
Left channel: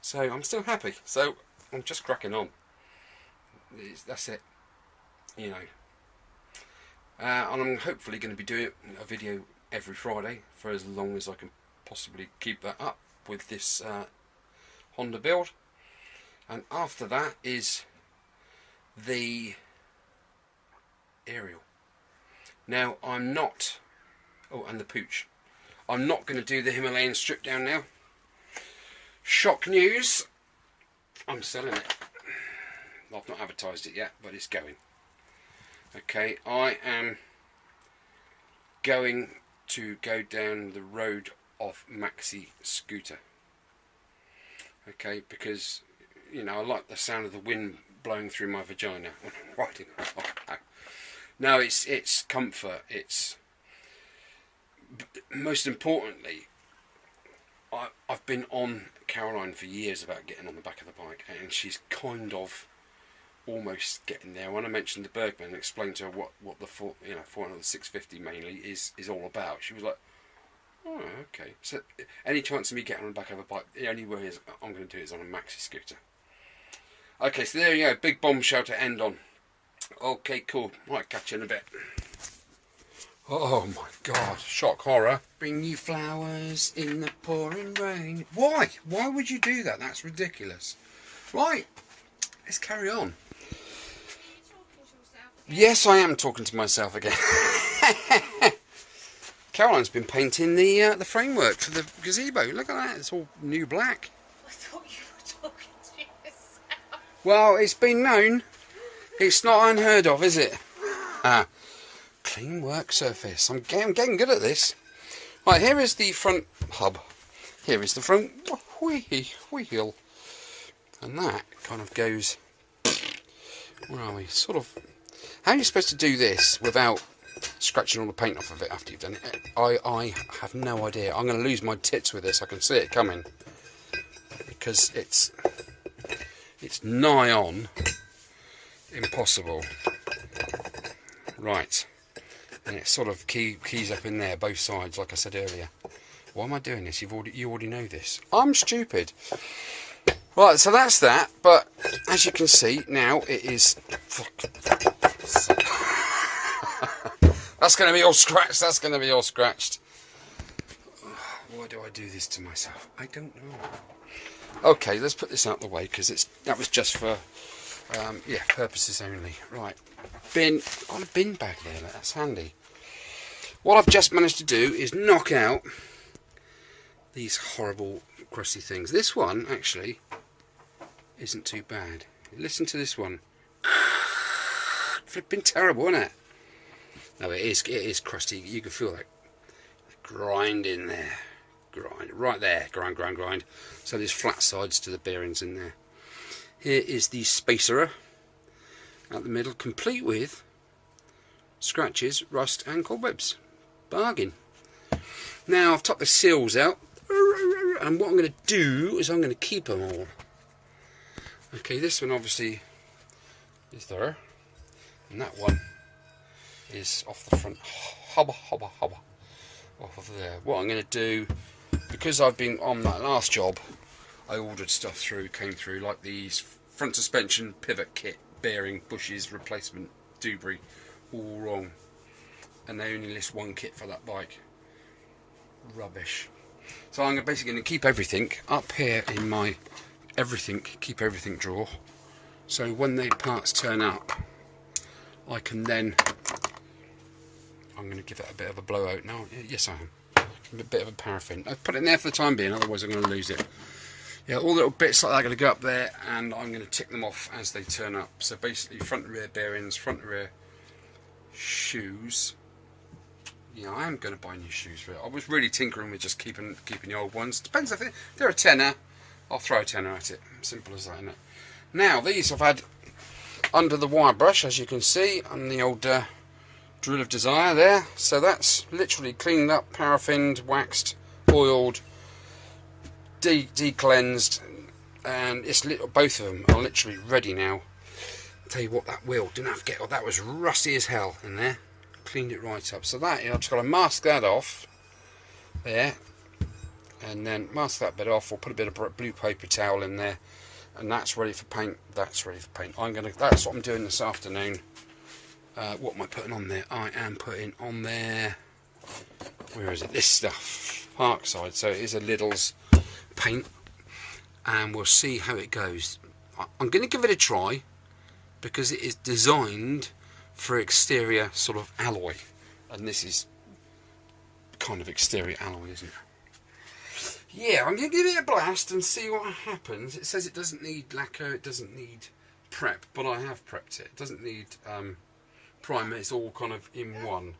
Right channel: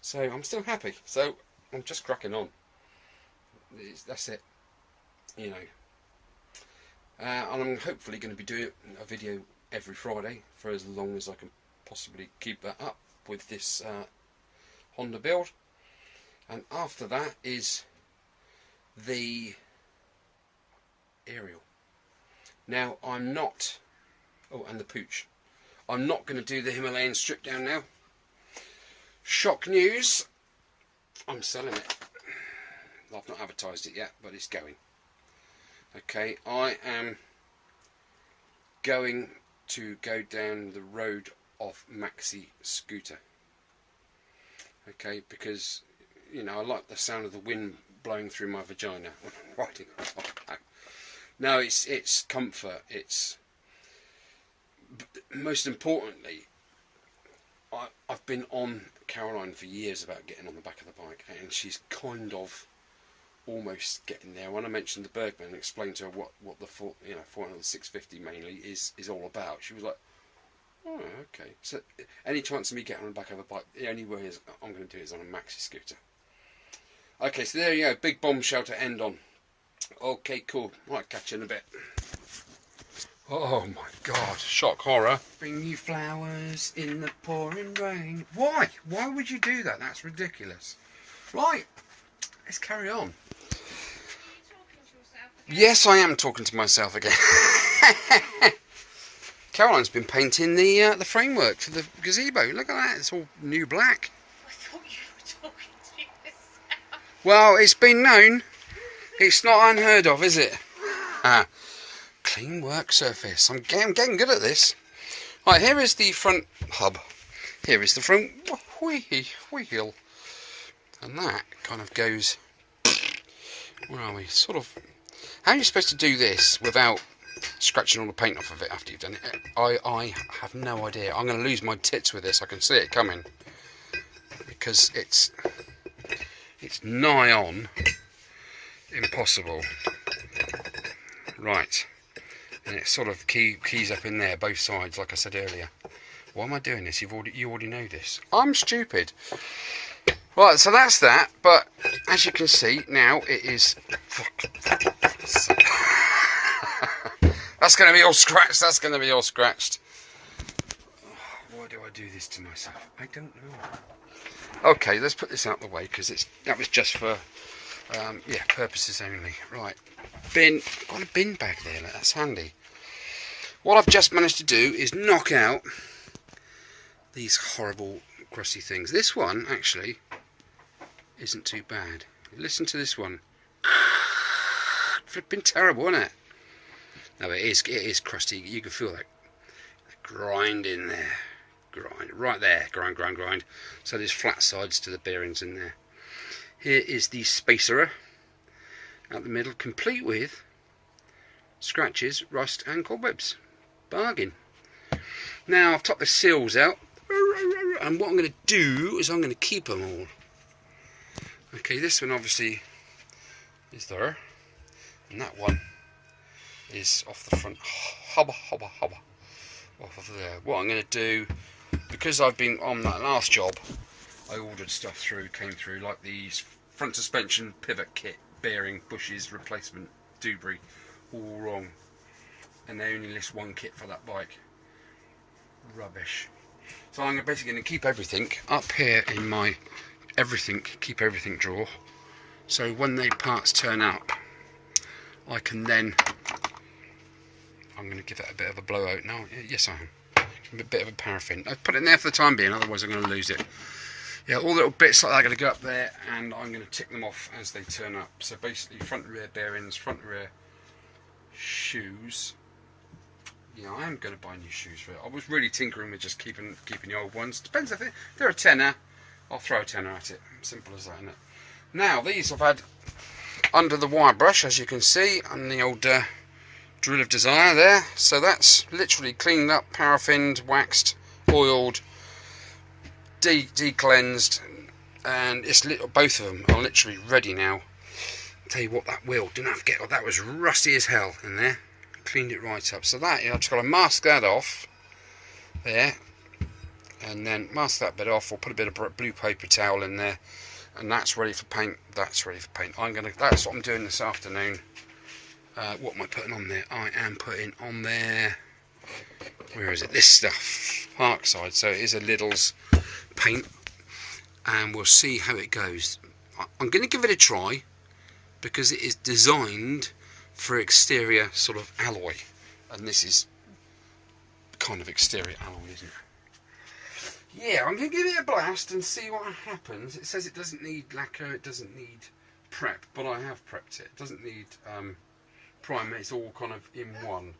so I'm still happy. So I'm just cracking on. That's it, you know. And I'm hopefully going to be doing a video every Friday for as long as I can possibly keep that up with this Honda build. And after that is the Aerial. Now I'm not, and the Pooch. I'm not going to do the Himalayan strip down now. Shock news, I'm selling it. I've not advertised it yet, but it's going. Okay, I am going to go down the road of maxi scooter. Okay, because, you know, I like the sound of the wind blowing through my vagina when I'm riding. No, it's comfort. It's most importantly, I've been on Caroline for years about getting on the back of the bike, and she's kind of almost getting there. When I mentioned the Bergman and explained to her what the 400 650 mainly is all about, she was like, oh, okay. So any chance of me getting on the back of a bike, the only way I'm going to do it is on a maxi scooter. Okay, so there you go, big bombshell to end on. Okay, cool. Might catch you in a bit. Oh my God, shock horror. Bring you flowers in the pouring rain. Why? Why would you do that? That's ridiculous. Right, let's carry on. Yes, I am talking to myself again. Caroline's been painting the framework for the gazebo. Look at that, it's all new black. I thought you were talking to yourself. Well, it's been known. It's not unheard of, is it? Clean work surface. I'm getting good at this. Right, here is the front hub. Here is the front wheel. And that kind of goes... Where are we? Sort of... How are you supposed to do this without scratching all the paint off of it after you've done it? I have no idea. I'm going to lose my tits with this. I can see it coming. Because it's nigh on impossible. Right. And it sort of keys up in there, both sides, like I said earlier. Why am I doing this? You already know this. I'm stupid. Right, so that's that. But as you can see now, it is. That's going to be all scratched. That's going to be all scratched. Why do I do this to myself? I don't know. Okay, let's put this out of the way because that was just for purposes only. Right. Bin. I've got a bin bag there. That's handy. What I've just managed to do is knock out these horrible grassy things. This one actually isn't too bad. Listen to this one. Flipping terrible, isn't it? No, it is crusty. You can feel that grind in there. Grind right there. Grind. So there's flat sides to the bearings in there. Here is the spacer out the middle, complete with scratches, rust and cobwebs. Bargain. Now I've topped the seals out, and what I'm going to do is I'm going to keep them all. Okay, this one obviously is there. and that one is off the front, hubba off of there. What I'm going to do, because I've been on that last job, I ordered stuff through, came through, like these front suspension pivot kit, bearing, bushes, replacement, debris, all wrong. And they only list one kit for that bike. Rubbish. So I'm basically going to keep everything up here in my keep everything drawer. So when the parts turn up, I can then, I'm going to give it a bit of a blowout now. Yes, I am. A bit of a paraffin. I put it in there for the time being, otherwise I'm going to lose it. Yeah, all little bits like that are going to go up there, and I'm going to tick them off as they turn up. So basically, front and rear bearings, front and rear shoes. Yeah, I am going to buy new shoes for it. I was really tinkering with just keeping the old ones. Depends if they're a tenner, I'll throw a tenner at it. Simple as that, isn't it? Now, these I've had under the wire brush, as you can see, on the old drill of desire there. So that's literally cleaned up, paraffined, waxed, oiled, de-cleansed, and it's both of them are literally ready now. I'll tell you what, that wheel, didn't have to get, that was rusty as hell in there. Cleaned it right up. So that, I've just got to mask that off there, and then mask that bit off. We'll put a bit of blue paper towel in there, and that's ready for paint. That's ready for paint. That's what I'm doing this afternoon. What am I putting on there? I am putting on there, where is it? This stuff, Parkside. So it is a Lidl's paint, and we'll see how it goes. I'm going to give it a try because it is designed for exterior sort of alloy, and this is kind of exterior alloy, isn't it? Yeah, I'm going to give it a blast and see what happens. It says it doesn't need lacquer, it doesn't need prep, but I have prepped it. It doesn't need primer, it's all kind of in one,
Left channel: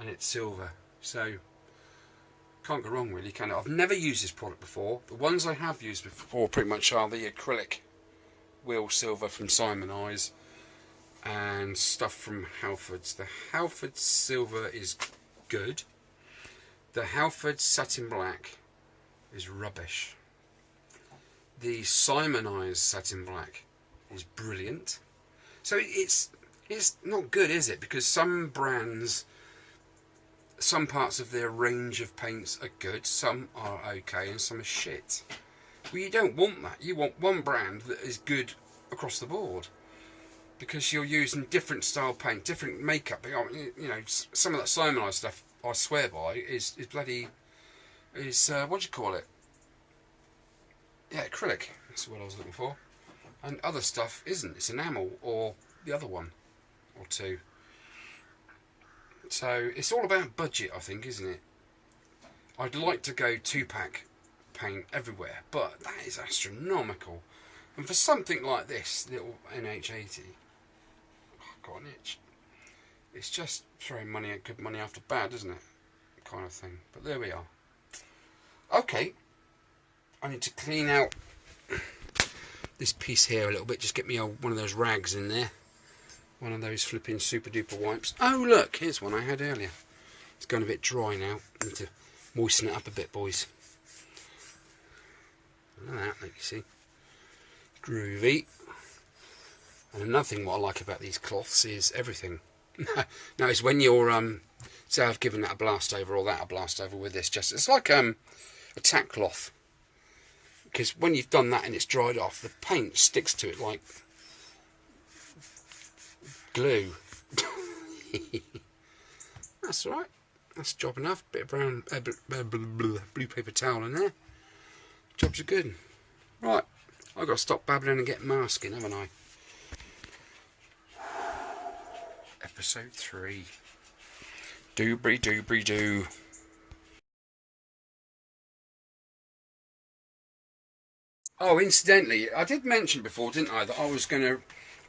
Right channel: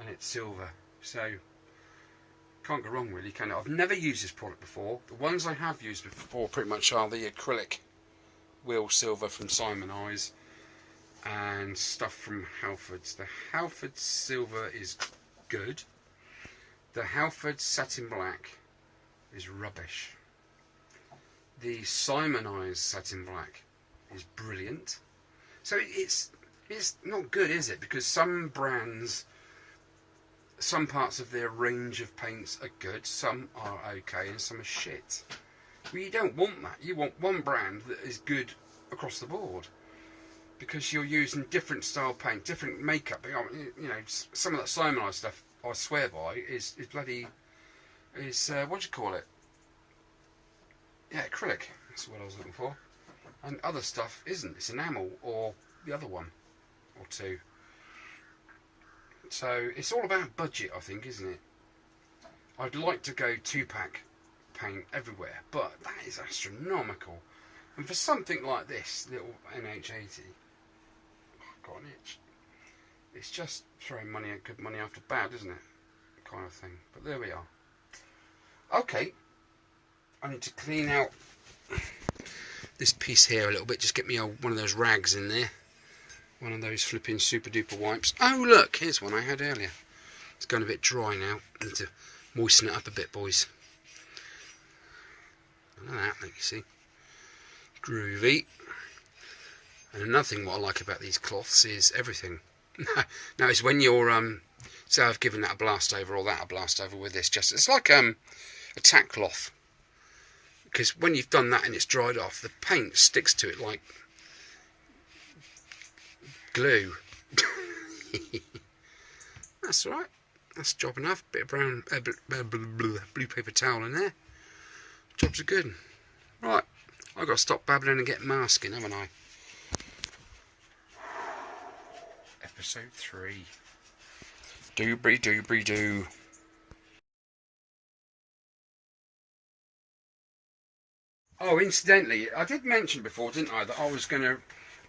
and it's silver, so can't go wrong really, can it? I've never used this product before. The ones I have used before pretty much are the acrylic wheel silver from Simon Eyes and stuff from Halfords. The Halfords silver is good. The Halfords satin black is rubbish. The Simon Eyes satin black is brilliant. So it's not good, is it? Because some brands, some parts of their range of paints are good, some are okay, and some are shit. Well, you don't want that. You want one brand that is good across the board, because you're using different style paint, different makeup. You know, some of that Simon Eyes stuff, I swear by, is what do you call it? Yeah, acrylic. That's what I was looking for. And other stuff isn't. It's enamel or the other one or two. So it's all about budget, I think, isn't it? I'd like to go 2-pack paint everywhere, but that is astronomical. And for something like this little NH80, I've got an itch. It's just throwing money at good money after bad, isn't it? Kind of thing. But there we are. Okay, I need to clean out this piece here a little bit. Just get me one of those rags in there. One of those flipping super duper wipes. Oh look, here's one I had earlier. It's going a bit dry now. Need to moisten it up a bit, boys. Look at that, like you see. Groovy. And another thing what I like about these cloths is everything. Now it's when you're say I've given that a blast over or that a blast over with this, just it's like a tack cloth. Because when you've done that and it's dried off, the paint sticks to it like glue. That's all right. That's job enough. Bit of brown blue paper towel in there. Jobs are good. Right, I've got to stop babbling and get masking, haven't I? Episode 3. Doobry doo. Oh, incidentally, I did mention before, didn't I, that I was going to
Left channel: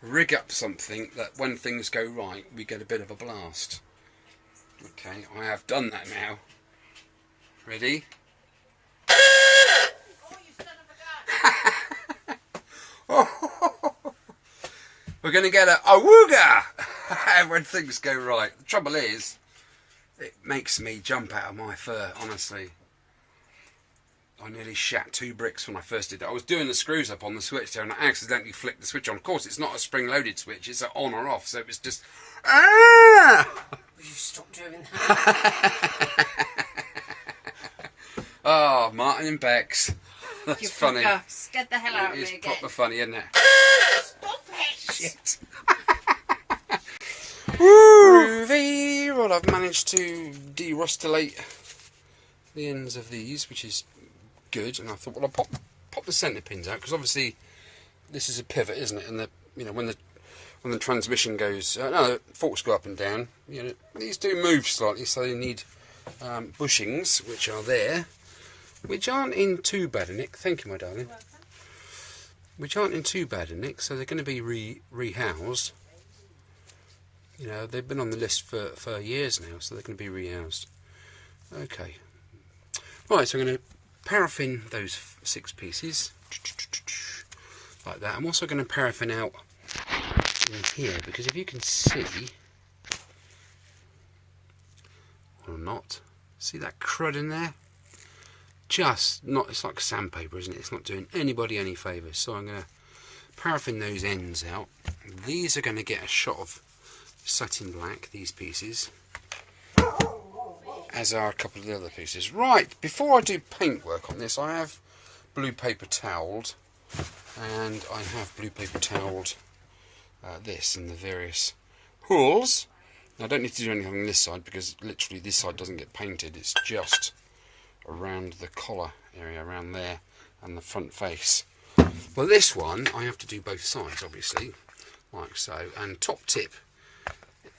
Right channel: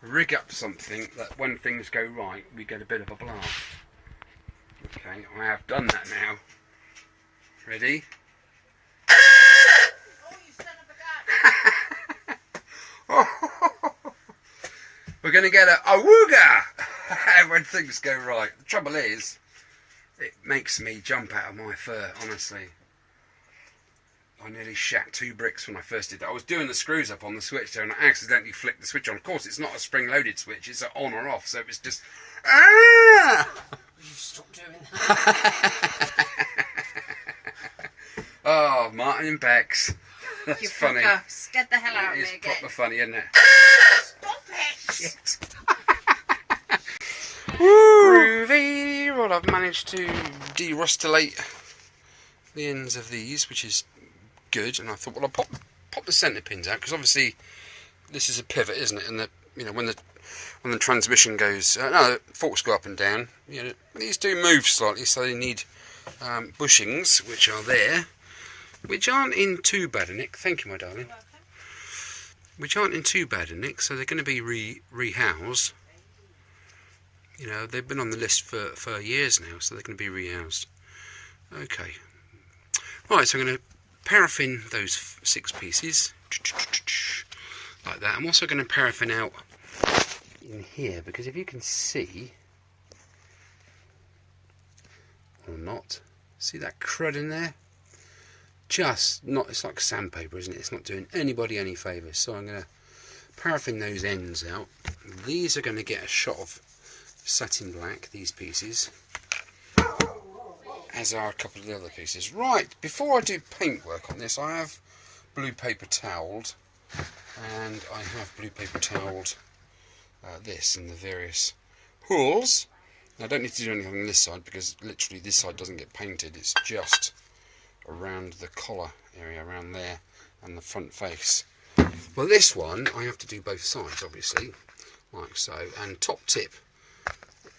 rig up something that when things go right, we get a bit of a blast. Okay, I have done that now. Ready? We're going to get a awooga when things go right. The trouble is, it makes me jump out of my fur, honestly. I nearly shat 2 bricks when I first did that. I was doing the screws up on the switch there and I accidentally flicked the switch on. Of course, it's not a spring-loaded switch, it's an on or off, so it was just... Ah! You stop doing that. Oh, Martin and Bex. That's You funny. Scared the hell out of me It's again. proper funny, isn't it? Stop it! Shit. Groovy. Well, I've managed to de-rustulate the ends of these, which is good. And I thought, well, I'll pop the centre pins out because obviously this is a pivot, isn't it? And when the transmission goes, no, the forks go up and down. These do move slightly, so they need bushings, which are there, which aren't in too bad a nick. Thank you, my darling. Which aren't in too bad a nick, so they're going to be rehoused. They've been on the list for years now, so they're going to be rehoused. Okay. Right, so I'm going to paraffin those 6 pieces like that. I'm also going to paraffin out in here because if you can see or not, see that crud in there? It's like sandpaper, isn't it? It's not doing anybody any favours. So I'm going to paraffin those ends out. These are going to get a shot of satin black, these pieces, as are a couple of the other pieces. Right, before I do paintwork on this, I have blue paper towelled, and I have blue paper towelled this in the various holes. Now, I don't need to do anything on this side because literally this side doesn't get painted. It's just around the collar area, around there, and the front face. Well, this one I have to do both sides, obviously, like so. And top tip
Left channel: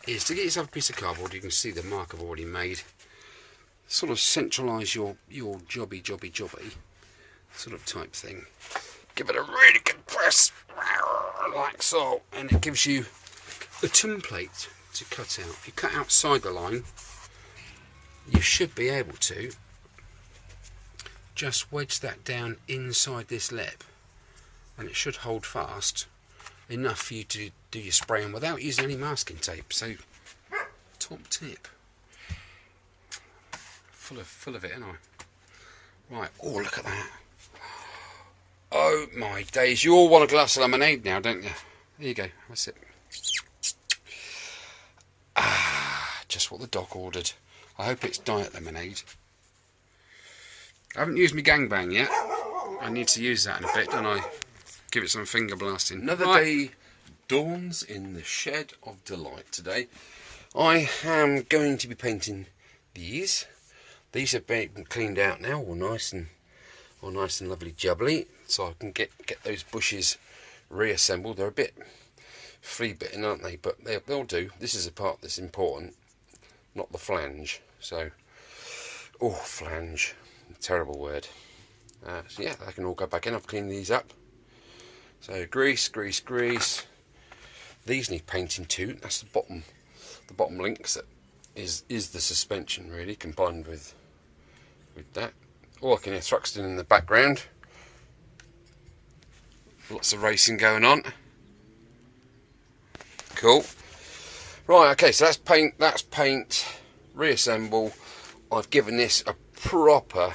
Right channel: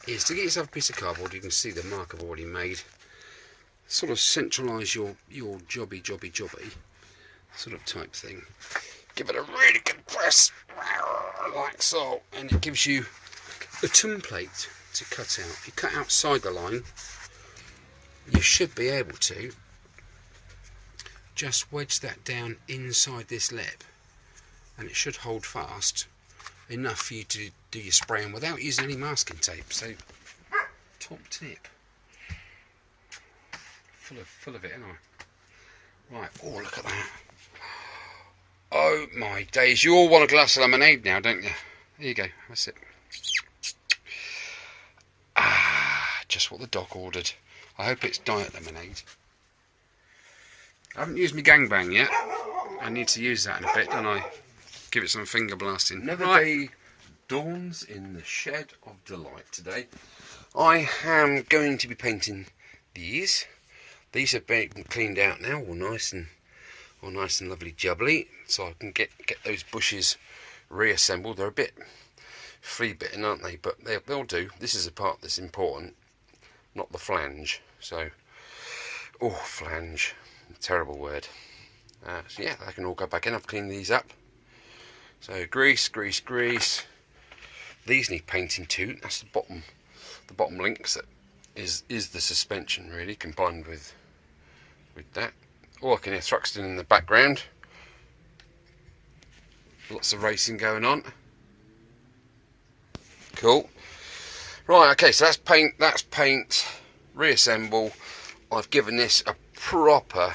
is to get yourself a piece of cardboard. You can see the mark I've already made. Sort of centralise your jobby sort of type thing. Give it a really good press, like so, and it gives you a template to cut out. If you cut outside the line, you should be able to just wedge that down inside this lip, and it should hold fast enough for you to do your spraying without using any masking tape. So, top tip. Full of it, aren't I? Right. Oh, look at that. Oh my days! You all want a glass of lemonade now, don't you? There you go. That's it. Ah, just what the doc ordered. I hope it's diet lemonade. I haven't used my gangbang yet. I need to use that in a bit, don't I? Give it some finger blasting. Another day dawns in the shed of delight today. I am going to be painting these. These have been cleaned out now, all nice and lovely jubbly, so I can get those bushes reassembled. They're a bit flea bitten, aren't they? But they'll do. This is the part that's important, not the flange. So, oh, flange, terrible word. So yeah, I can all go back in. I've cleaned these up. So grease. These need painting too. That's the bottom links. That is the suspension really, combined with that. Oh, I can hear Thruxton in the background. Lots of racing going on. Cool. Right, okay, so that's paint, reassemble. I've given this a proper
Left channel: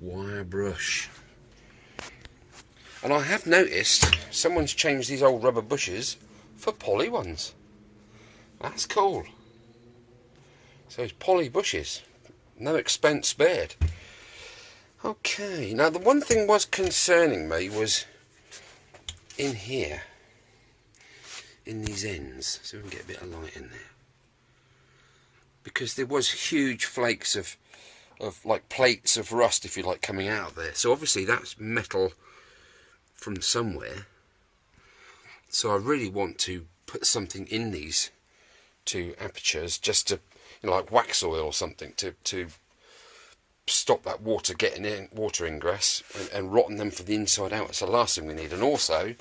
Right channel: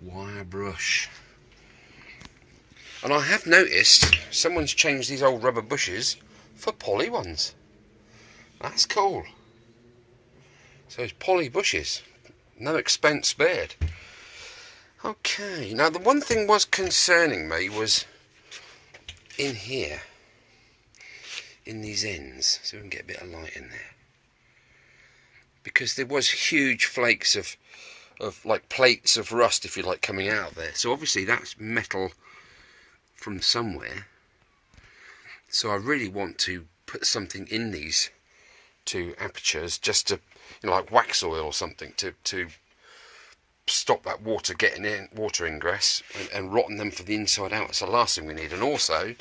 wire brush. And I have noticed someone's changed these old rubber bushes for poly ones. That's cool. So it's poly bushes. No expense spared. Okay, now the one thing was concerning me was in here, in these ends, so we can get a bit of light in there. Because there was huge flakes of like plates of rust, if you like, coming out of there. So obviously that's metal from somewhere. So I really want to put something in these two apertures, just to, like wax oil or something, to stop that water getting in, water ingress, and rotten them for the inside out. It's the last thing we need. And also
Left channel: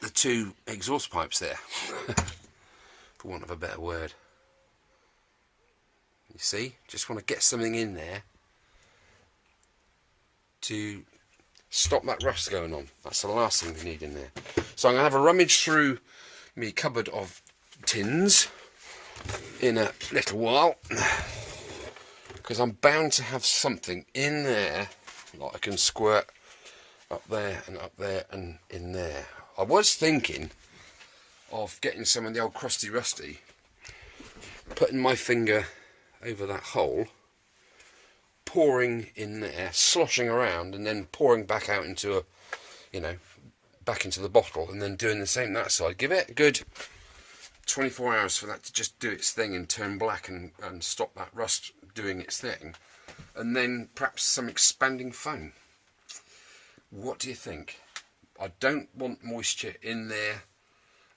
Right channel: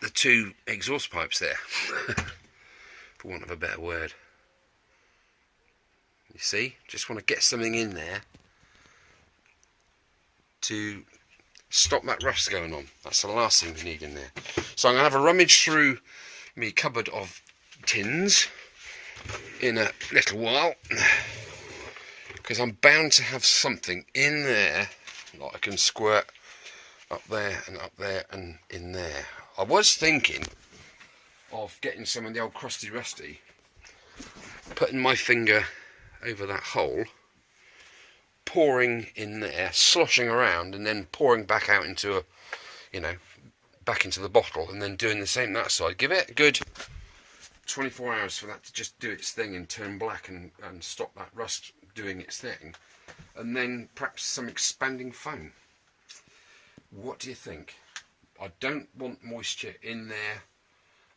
the two exhaust pipes there, for want of a better word. You see, just want to get something in there to stop that rust going on. That's the last thing we need in there. So I'm going to have a rummage through my cupboard of tins in a little while. because I'm bound to have something in there, like I can squirt up there and in there. I was thinking of getting some of the old crusty rusty, putting my finger over that hole, pouring in there, sloshing around, and then pouring back out into a, you know, back into the bottle, and then doing the same that side. Give it a good 24 hours for that to just do its thing and turn black and stop that rust doing its thing, and then perhaps some expanding foam. What do you think? I don't want moisture in there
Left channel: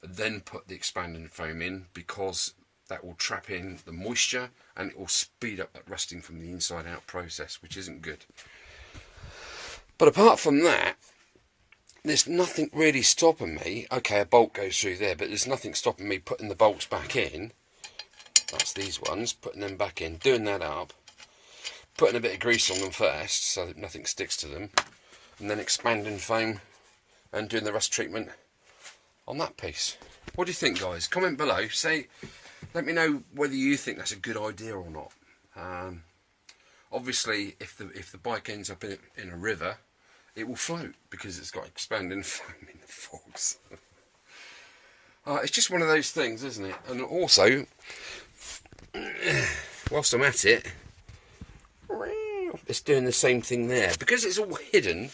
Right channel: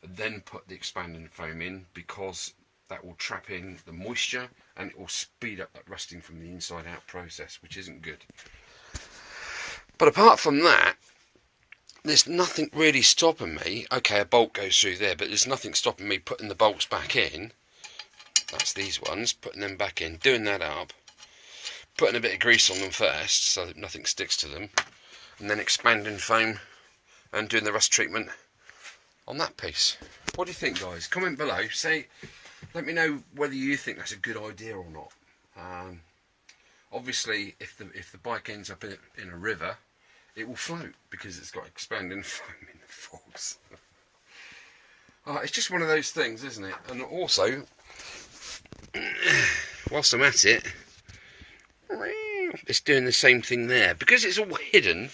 and then put the expanding foam in, because that will trap in the moisture and it will speed up that rusting from the inside out process, which isn't good. But apart from that, there's nothing really stopping me. Okay, a bolt goes through there, but there's nothing stopping me putting the bolts back in. That's these ones, putting them back in, doing that up, putting a bit of grease on them first so that nothing sticks to them, and then expanding foam and doing the rust treatment on that piece. What do you think, guys? Comment below. Let me know whether you think that's a good idea or not. Obviously, if the bike ends up in a river, it will float because it's got expanding foam in the forks. It's just one of those things, isn't it? And also, whilst I'm at it, it's doing the same thing there, because it's all hidden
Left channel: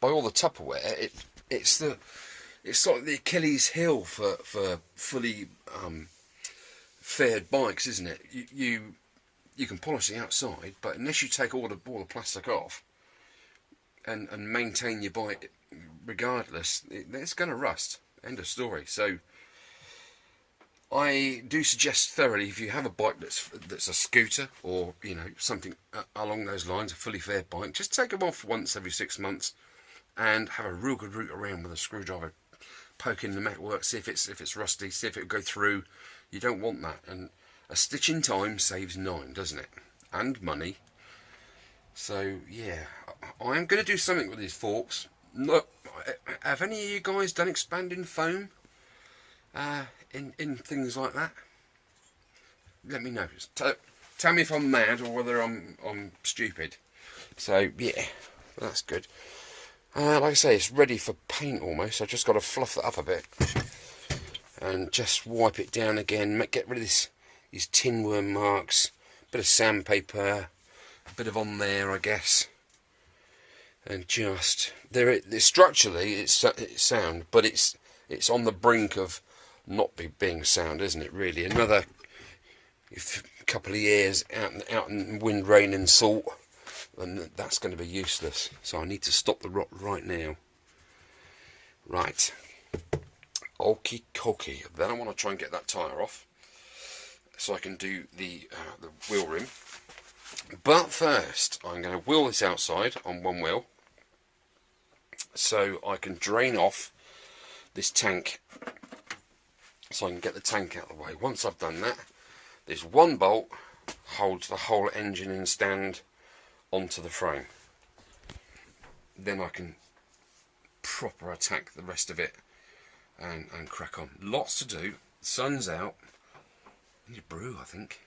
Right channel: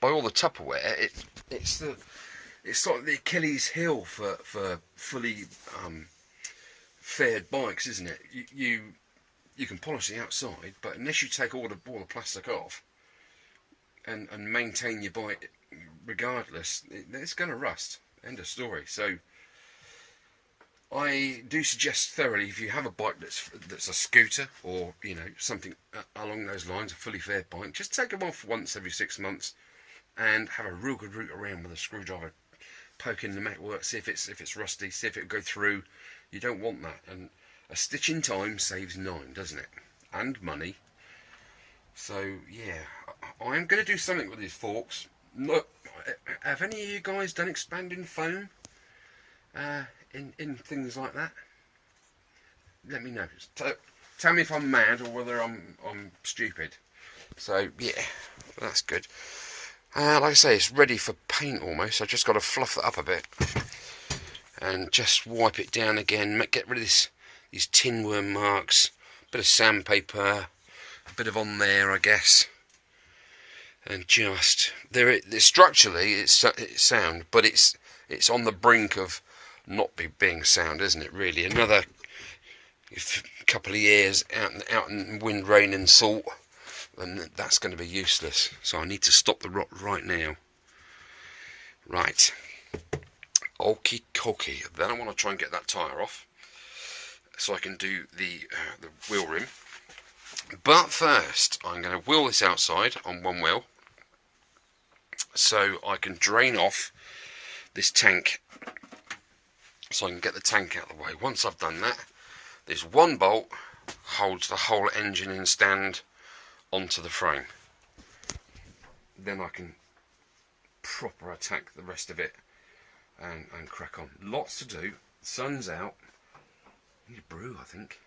by all the Tupperware. It's like the Achilles heel for fully fared bikes, isn't it? You can polish the outside, but unless you take all the plastic off and maintain your bike regardless, it's going to rust. End of story. So I do suggest thoroughly, if you have a bike that's a scooter, or you know, something along those lines, a fully fared bike, just take them off once every 6 months and have a real good root around with a screwdriver, poke in the metalwork, see if it's rusty, see if it'll go through. You don't want that, and a stitch in time saves 9, doesn't it? And money. So yeah, I am going to do something with these forks. Look, have any of you guys done expanding foam in things like that? Let me know. Tell me if I'm mad or whether I'm stupid. So yeah, that's good. Like I say, it's ready for paint almost. I just got to fluff it up a bit and just wipe it down again. Get rid of these tin worm marks. Bit of sandpaper, a bit of on there, I guess. And just structurally it's sound, but it's on the brink of not being sound, isn't it? Really, another couple of years out in wind, rain, and salt, and that's going to be useless. So I need to stop the rot right now. Right, okie dokie. Then I want to try and get that tyre off, so I can do the wheel rim. But first, I'm going to wheel this outside on one wheel, so I can drain off this tank, so I can get the tank out of the way. Once I've done that, this one bolt holds the whole engine in stand onto the frame. Then I can proper attack the rest of it and crack on. Lots to do. The sun's out. I need a brew, I think.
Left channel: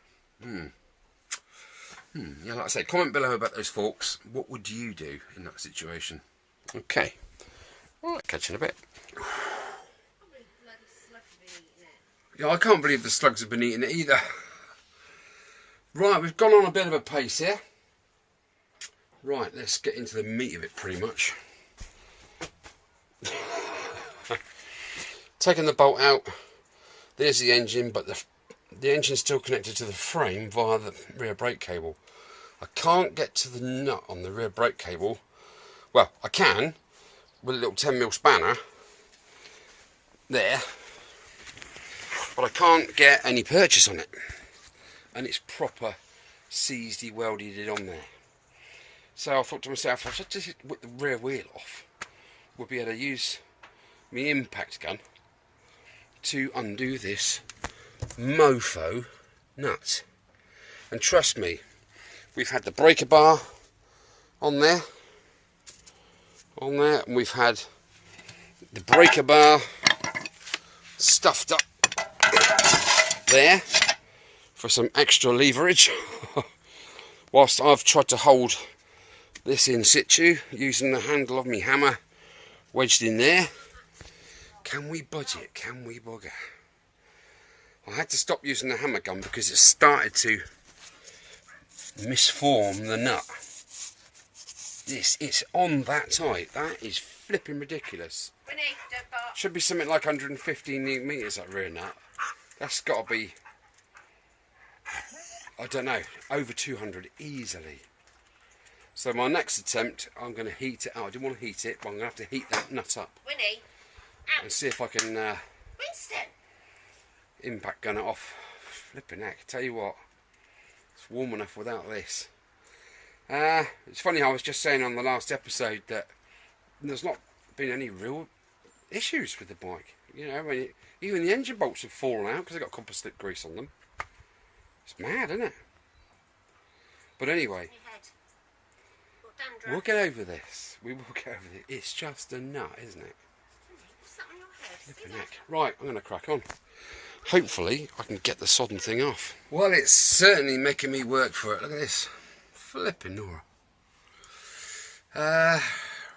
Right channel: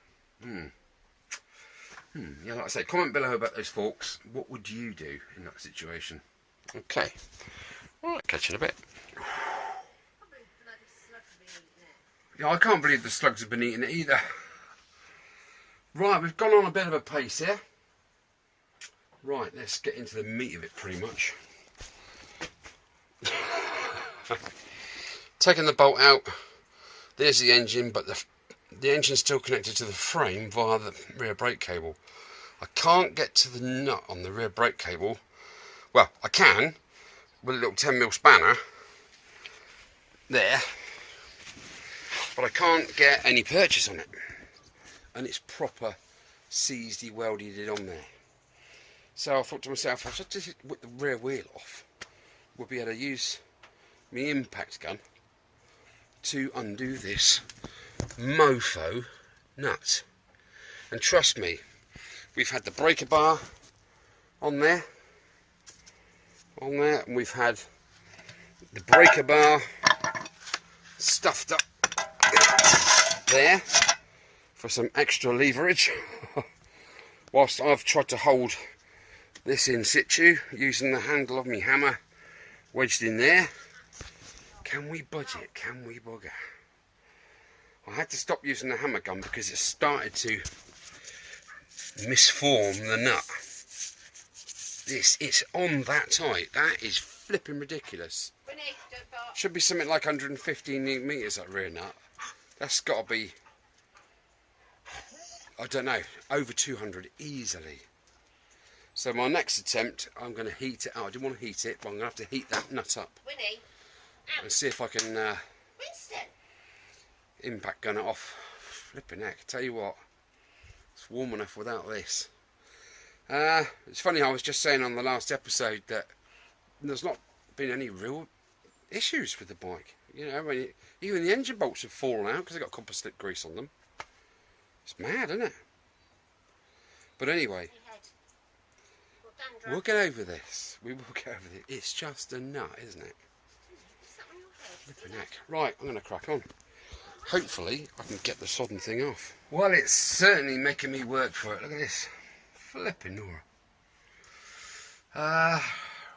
Yeah, like I say, comment below about those forks. What would you do in that situation? Okay. Alright, catch you in a bit. Yeah, I can't believe the slugs have been eating it either. Right, we've gone on a bit of a pace here. Right, let's get into the meat of it pretty much. Taking the bolt out, there's the engine, but the engine's still connected to the frame via the rear brake cable. I can't get to the nut on the rear brake cable. Well, I can with a little 10mm spanner there, but I can't get any purchase on it, and it's proper seized, welded it on there. So I thought to myself, if I just whip the rear wheel off, we'll be able to use my impact gun to undo this mofo nut. And trust me, we've had the breaker bar on there, and we've had the breaker bar stuffed up there for some extra leverage. whilst I've tried to hold this in situ using the handle of my hammer wedged in there. Can we budge it? Can we bugger? I had to stop using the hammer gun because it started to misform the nut. It's on that tight. That is flipping ridiculous. Winnie, don't bark. Should be something like 115 newton meters, that rear nut. That's got to be, I don't know, over 200 easily. So my next attempt, I'm going to heat it out. I didn't want to heat it, but I'm going to have to heat that nut up. Winnie, And see if I can Winston. impact gun it off. Flipping heck, tell you what, it's warm enough without this. It's funny, I was just saying on the last episode that there's not been any real issues with the bike. You know, even the engine bolts have fallen out because they've got copper slip grease on them. It's mad, isn't it? But anyway, we'll get over this. We will get over this. It's just a nut, isn't it? Flipping heck. Right, I'm going to crack on. Hopefully, I can get the sodden thing off. Well, it's certainly making me work for it. Look at this. Flipping Nora.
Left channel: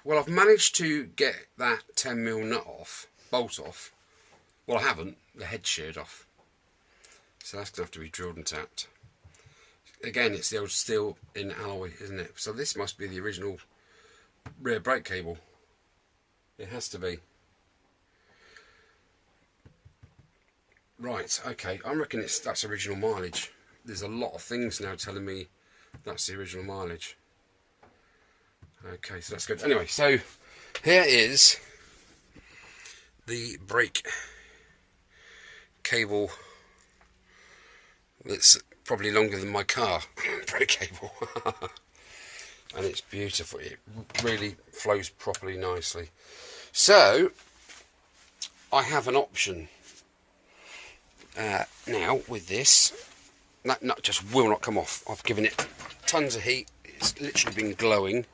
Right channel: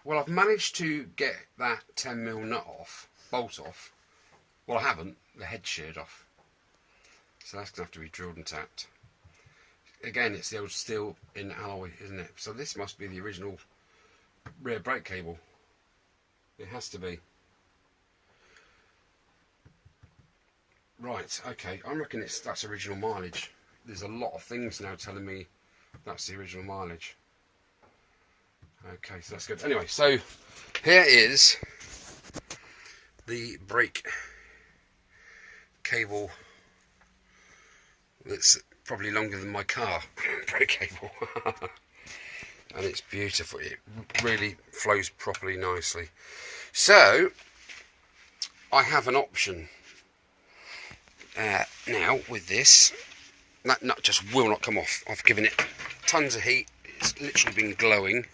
Well, I've managed to get that 10mm nut off, bolt off. Well, I haven't. The head's sheared off. So that's going to have to be drilled and tapped. Again, it's the old steel in alloy, isn't it? So this must be the original rear brake cable. It has to be. Right, okay. I reckon that's original mileage. There's a lot of things now telling me that's the original mileage. Okay, so that's good. Anyway, so here is the brake cable that's probably longer than my car. Brake cable. And it's beautiful. It really flows properly nicely. So I have an option now with this. That nut just will not come off. I've given it tons of heat. It's literally been glowing.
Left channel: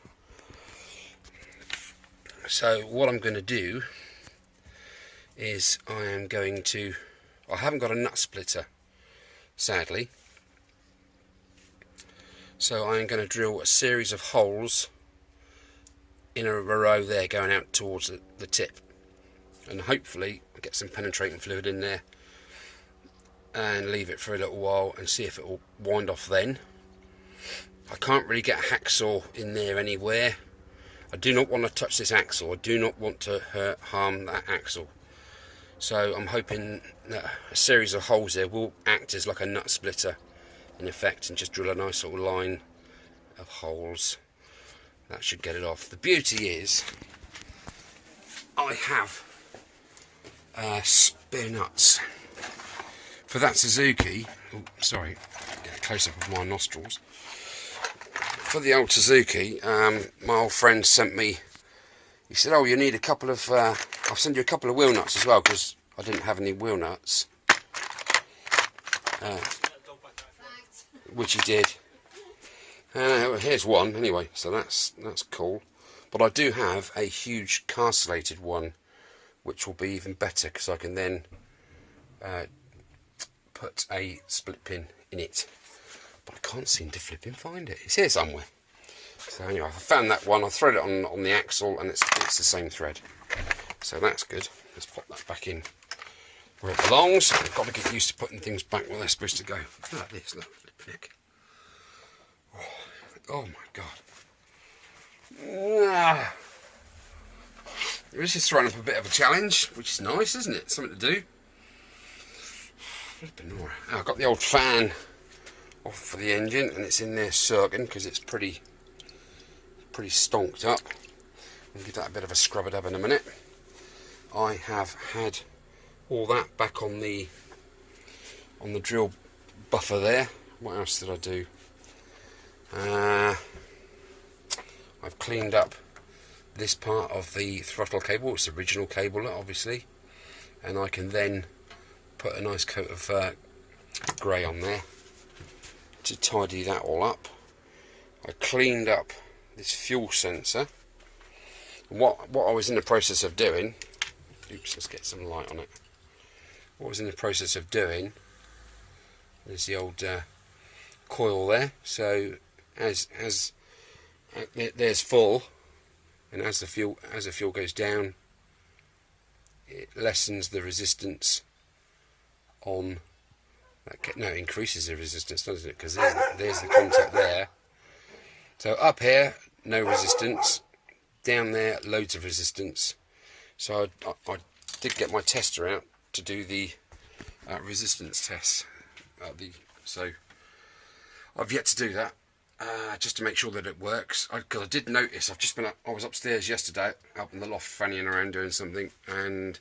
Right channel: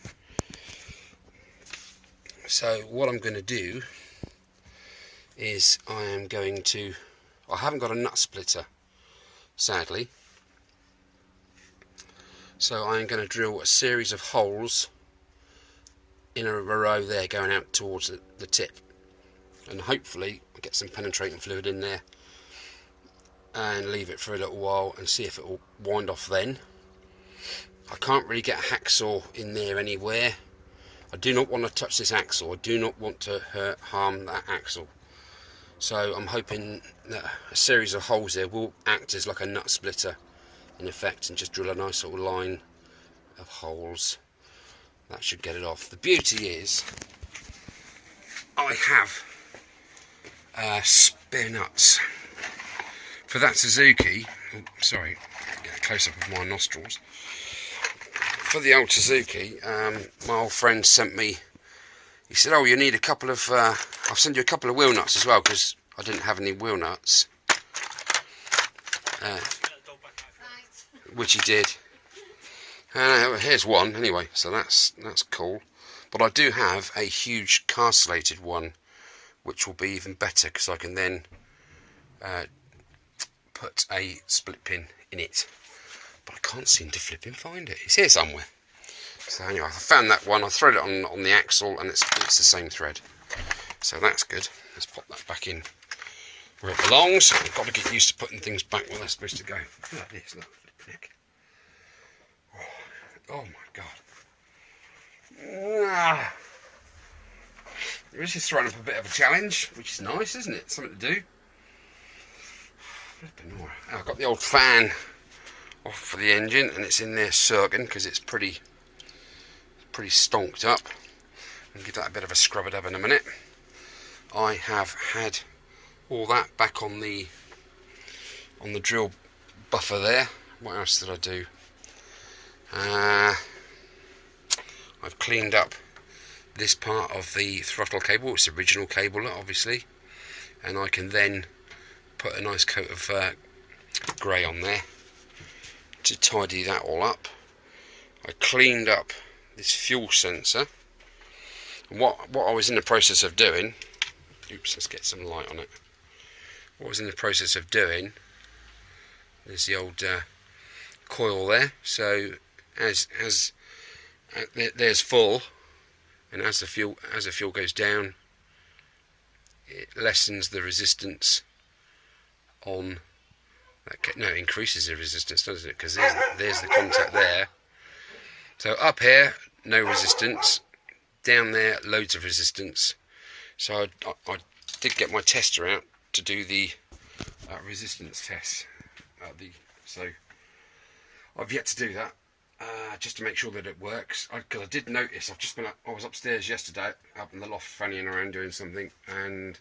So what I'm going to do is I haven't got a nut splitter, sadly. So I'm going to drill a series of holes in a row there going out towards the tip. And hopefully I'll get some penetrating fluid in there and leave it for a little while and see if it will wind off then. I can't really get a hacksaw in there anywhere. I do not want to touch this axle. I do not want to harm that axle. So I'm hoping that a series of holes there will act as like a nut splitter in effect and just drill a nice little line of holes. That should get it off. The beauty is I have spare nuts. For that Suzuki, oh, sorry, get a close up of my nostrils. For the old Suzuki, my old friend sent me, he said, oh, you need a couple of, I'll send you a couple of wheel nuts as well, because I didn't have any wheel nuts. Which he did. Here's one, anyway, so that's cool. But I do have a huge castellated one, which will be even better, because I can then put a split pin in it. But I can't seem to flipping find it. It's here somewhere. So anyway, I found that one. I thread it on the axle, and it's the same thread. So that's good. Let's pop that back in where it belongs. I've got to get used to putting things back where they're supposed to go. Look at this, look, flipping heck. Oh my god. This is throwing up a bit of a challenge, which is nice, isn't it? Something to do. Oh, I've got the old fan off for the engine, and it's in there circling because it's pretty stonked up. I'll give that a bit of a scrub it up in a minute. I have had all that back on the drill buffer there. What else did I do? I've cleaned up this part of the throttle cable. It's the original cable, obviously, and I can then put a nice coat of grey on there to tidy that all up. I cleaned up this fuel sensor, and what I was in the process of doing, oops, let's get some light on it. What I was in the process of doing, there's the old coil there, so there's full, and as the fuel goes down, it lessens the resistance on that. No, it increases the resistance, doesn't it? Because there's the contact there. So up here, no resistance. Down there, loads of resistance. So I did get my tester out to do the resistance test. So I've yet to do that, just to make sure that it works. Because I did notice, I was upstairs yesterday, up in the loft, fannying around doing something, and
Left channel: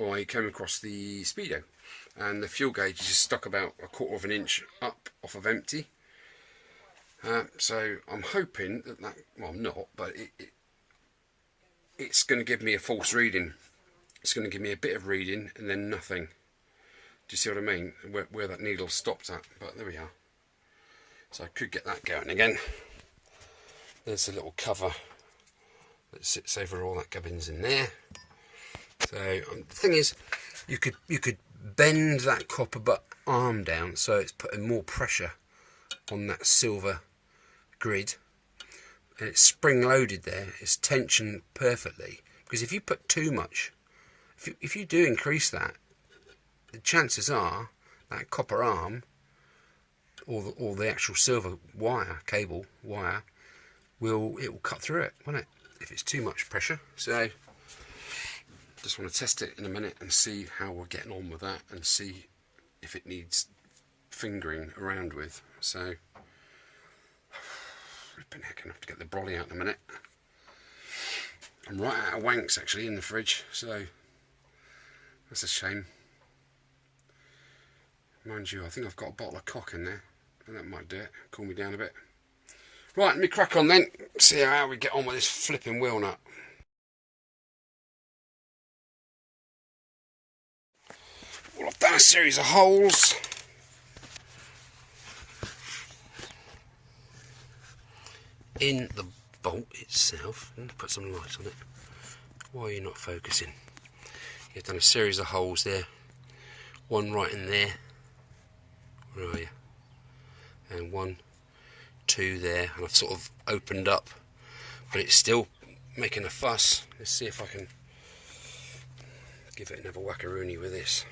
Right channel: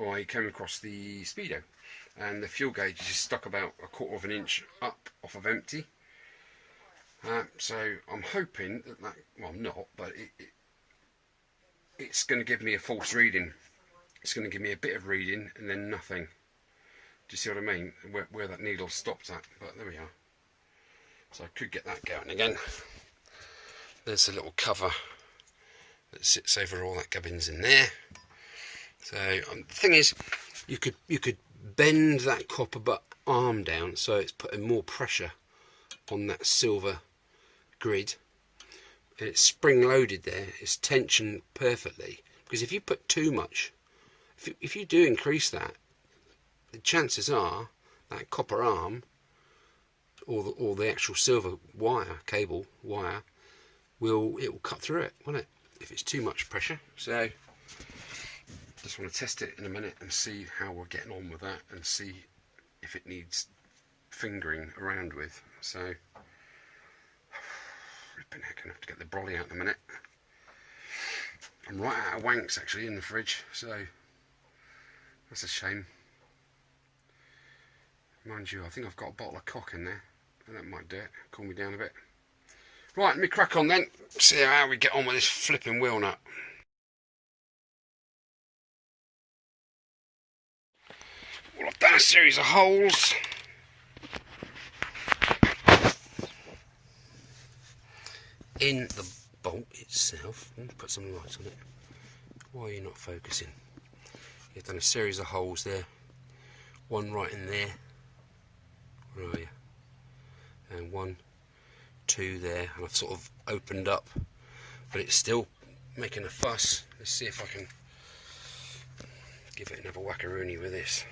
I came across the speedo, and the fuel gauge is just stuck about 1/4 of an inch up off of empty. So I'm hoping that, well, I'm not, but it's going to give me a false reading. It's going to give me a bit of reading and then nothing. Do you see what I mean? Where that needle stopped at. But there we are. So I could get that going again. There's a little cover that sits over all that gubbins in there. So the thing is, you could bend that copper arm down so it's putting more pressure on that silver grid, and it's spring loaded there. It's tensioned perfectly, because if you put too much, if you do increase that, the chances are that copper arm or the actual silver cable wire will cut through it, won't it, if it's too much pressure. So just want to test it in a minute and see how we're getting on with that, and see if it needs fingering around with. So flipping heck, I'm going to have to get the brolly out in a minute. I'm right out of wanks actually in the fridge, so that's a shame. Mind you, I think I've got a bottle of cock in there, and that might do it, cool me down a bit. Right, let me crack on then, see how we get on with this flipping wheel nut. Well, I've done a series of holes. In the bolt itself. Let me put some light on it. Why are you not focusing? You've done a series of holes there. One right in there. Where are you? And 1, 2 there. And I've sort of opened up, but it's still making a fuss. Let's see if I can give it another whackaroony with this.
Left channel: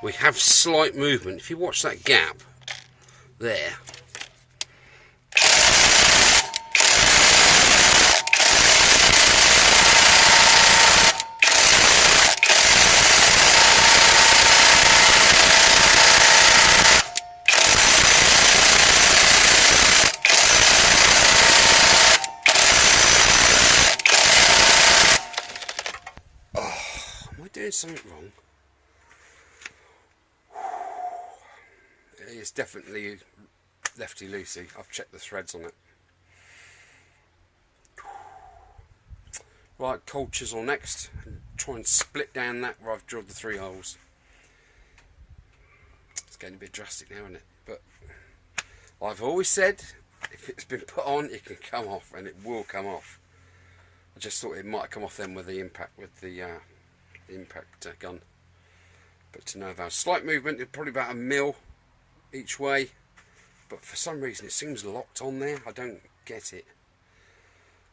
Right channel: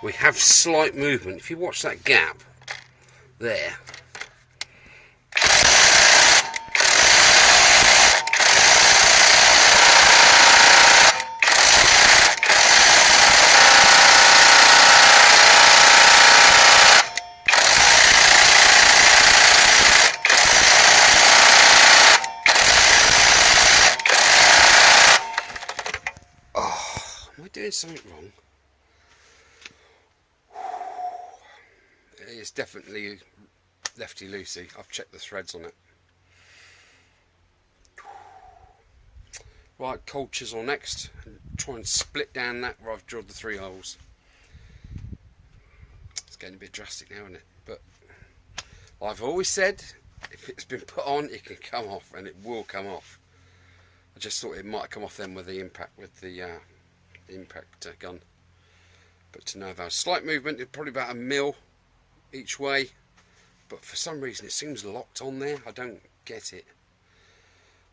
We have slight movement. If you watch that gap there, am I doing something wrong? It's definitely lefty loosey. I've checked the threads on it. Right, cold chisel next, and try and split down that where I've drilled the 3 holes. It's getting a bit drastic now, isn't it? But I've always said, if it's been put on, it can come off, and it will come off. I just thought it might come off then with the impact gun, but to no avail. Slight movement, probably about 1 mil each way, but for some reason it seems locked on there. I don't get it,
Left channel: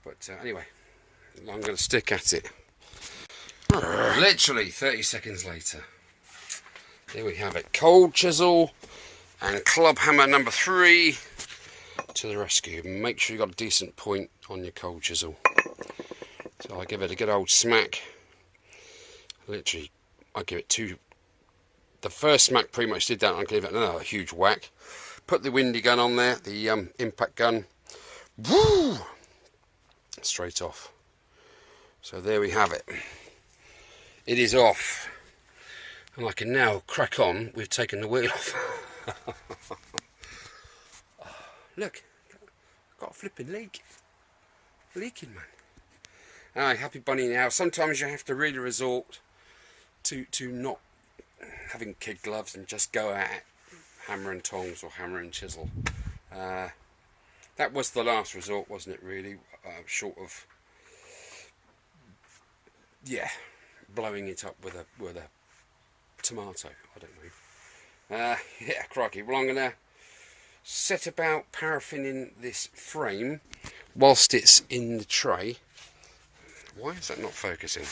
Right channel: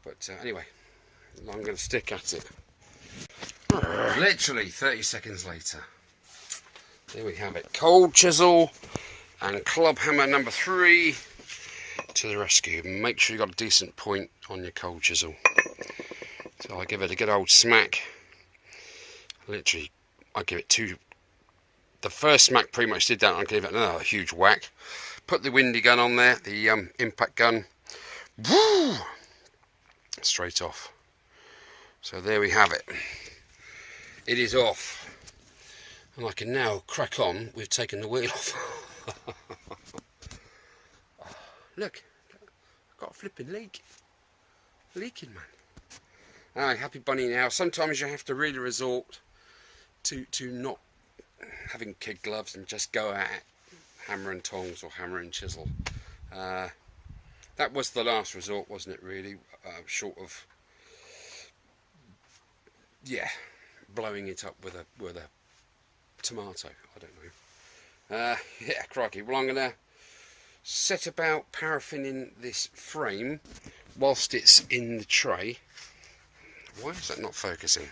but anyway, I'm going to stick at it. Literally 30 seconds later, here we have it. Cold chisel and club hammer number 3 to the rescue. Make sure you've got a decent point on your cold chisel. So I give it a good old smack. Literally, I give it 2. The first smack pretty much did that. I'll give it another huge whack. Put the windy gun on there, the impact gun. Woo! Straight off. So there we have it. It is off. And I can now crack on with taking the wheel off. Look, I've got a flipping leak. Leaking, man. Alright, happy bunny now. Sometimes you have to really resort to not having kid gloves and just go at it, hammer and tongs or hammer and chisel. that was the last resort, wasn't it, really? Short of, yeah, blowing it up with a tomato. I don't know. Yeah, crikey. Well, I'm going to set about paraffining this frame whilst it's in the tray. Why is that not focusing?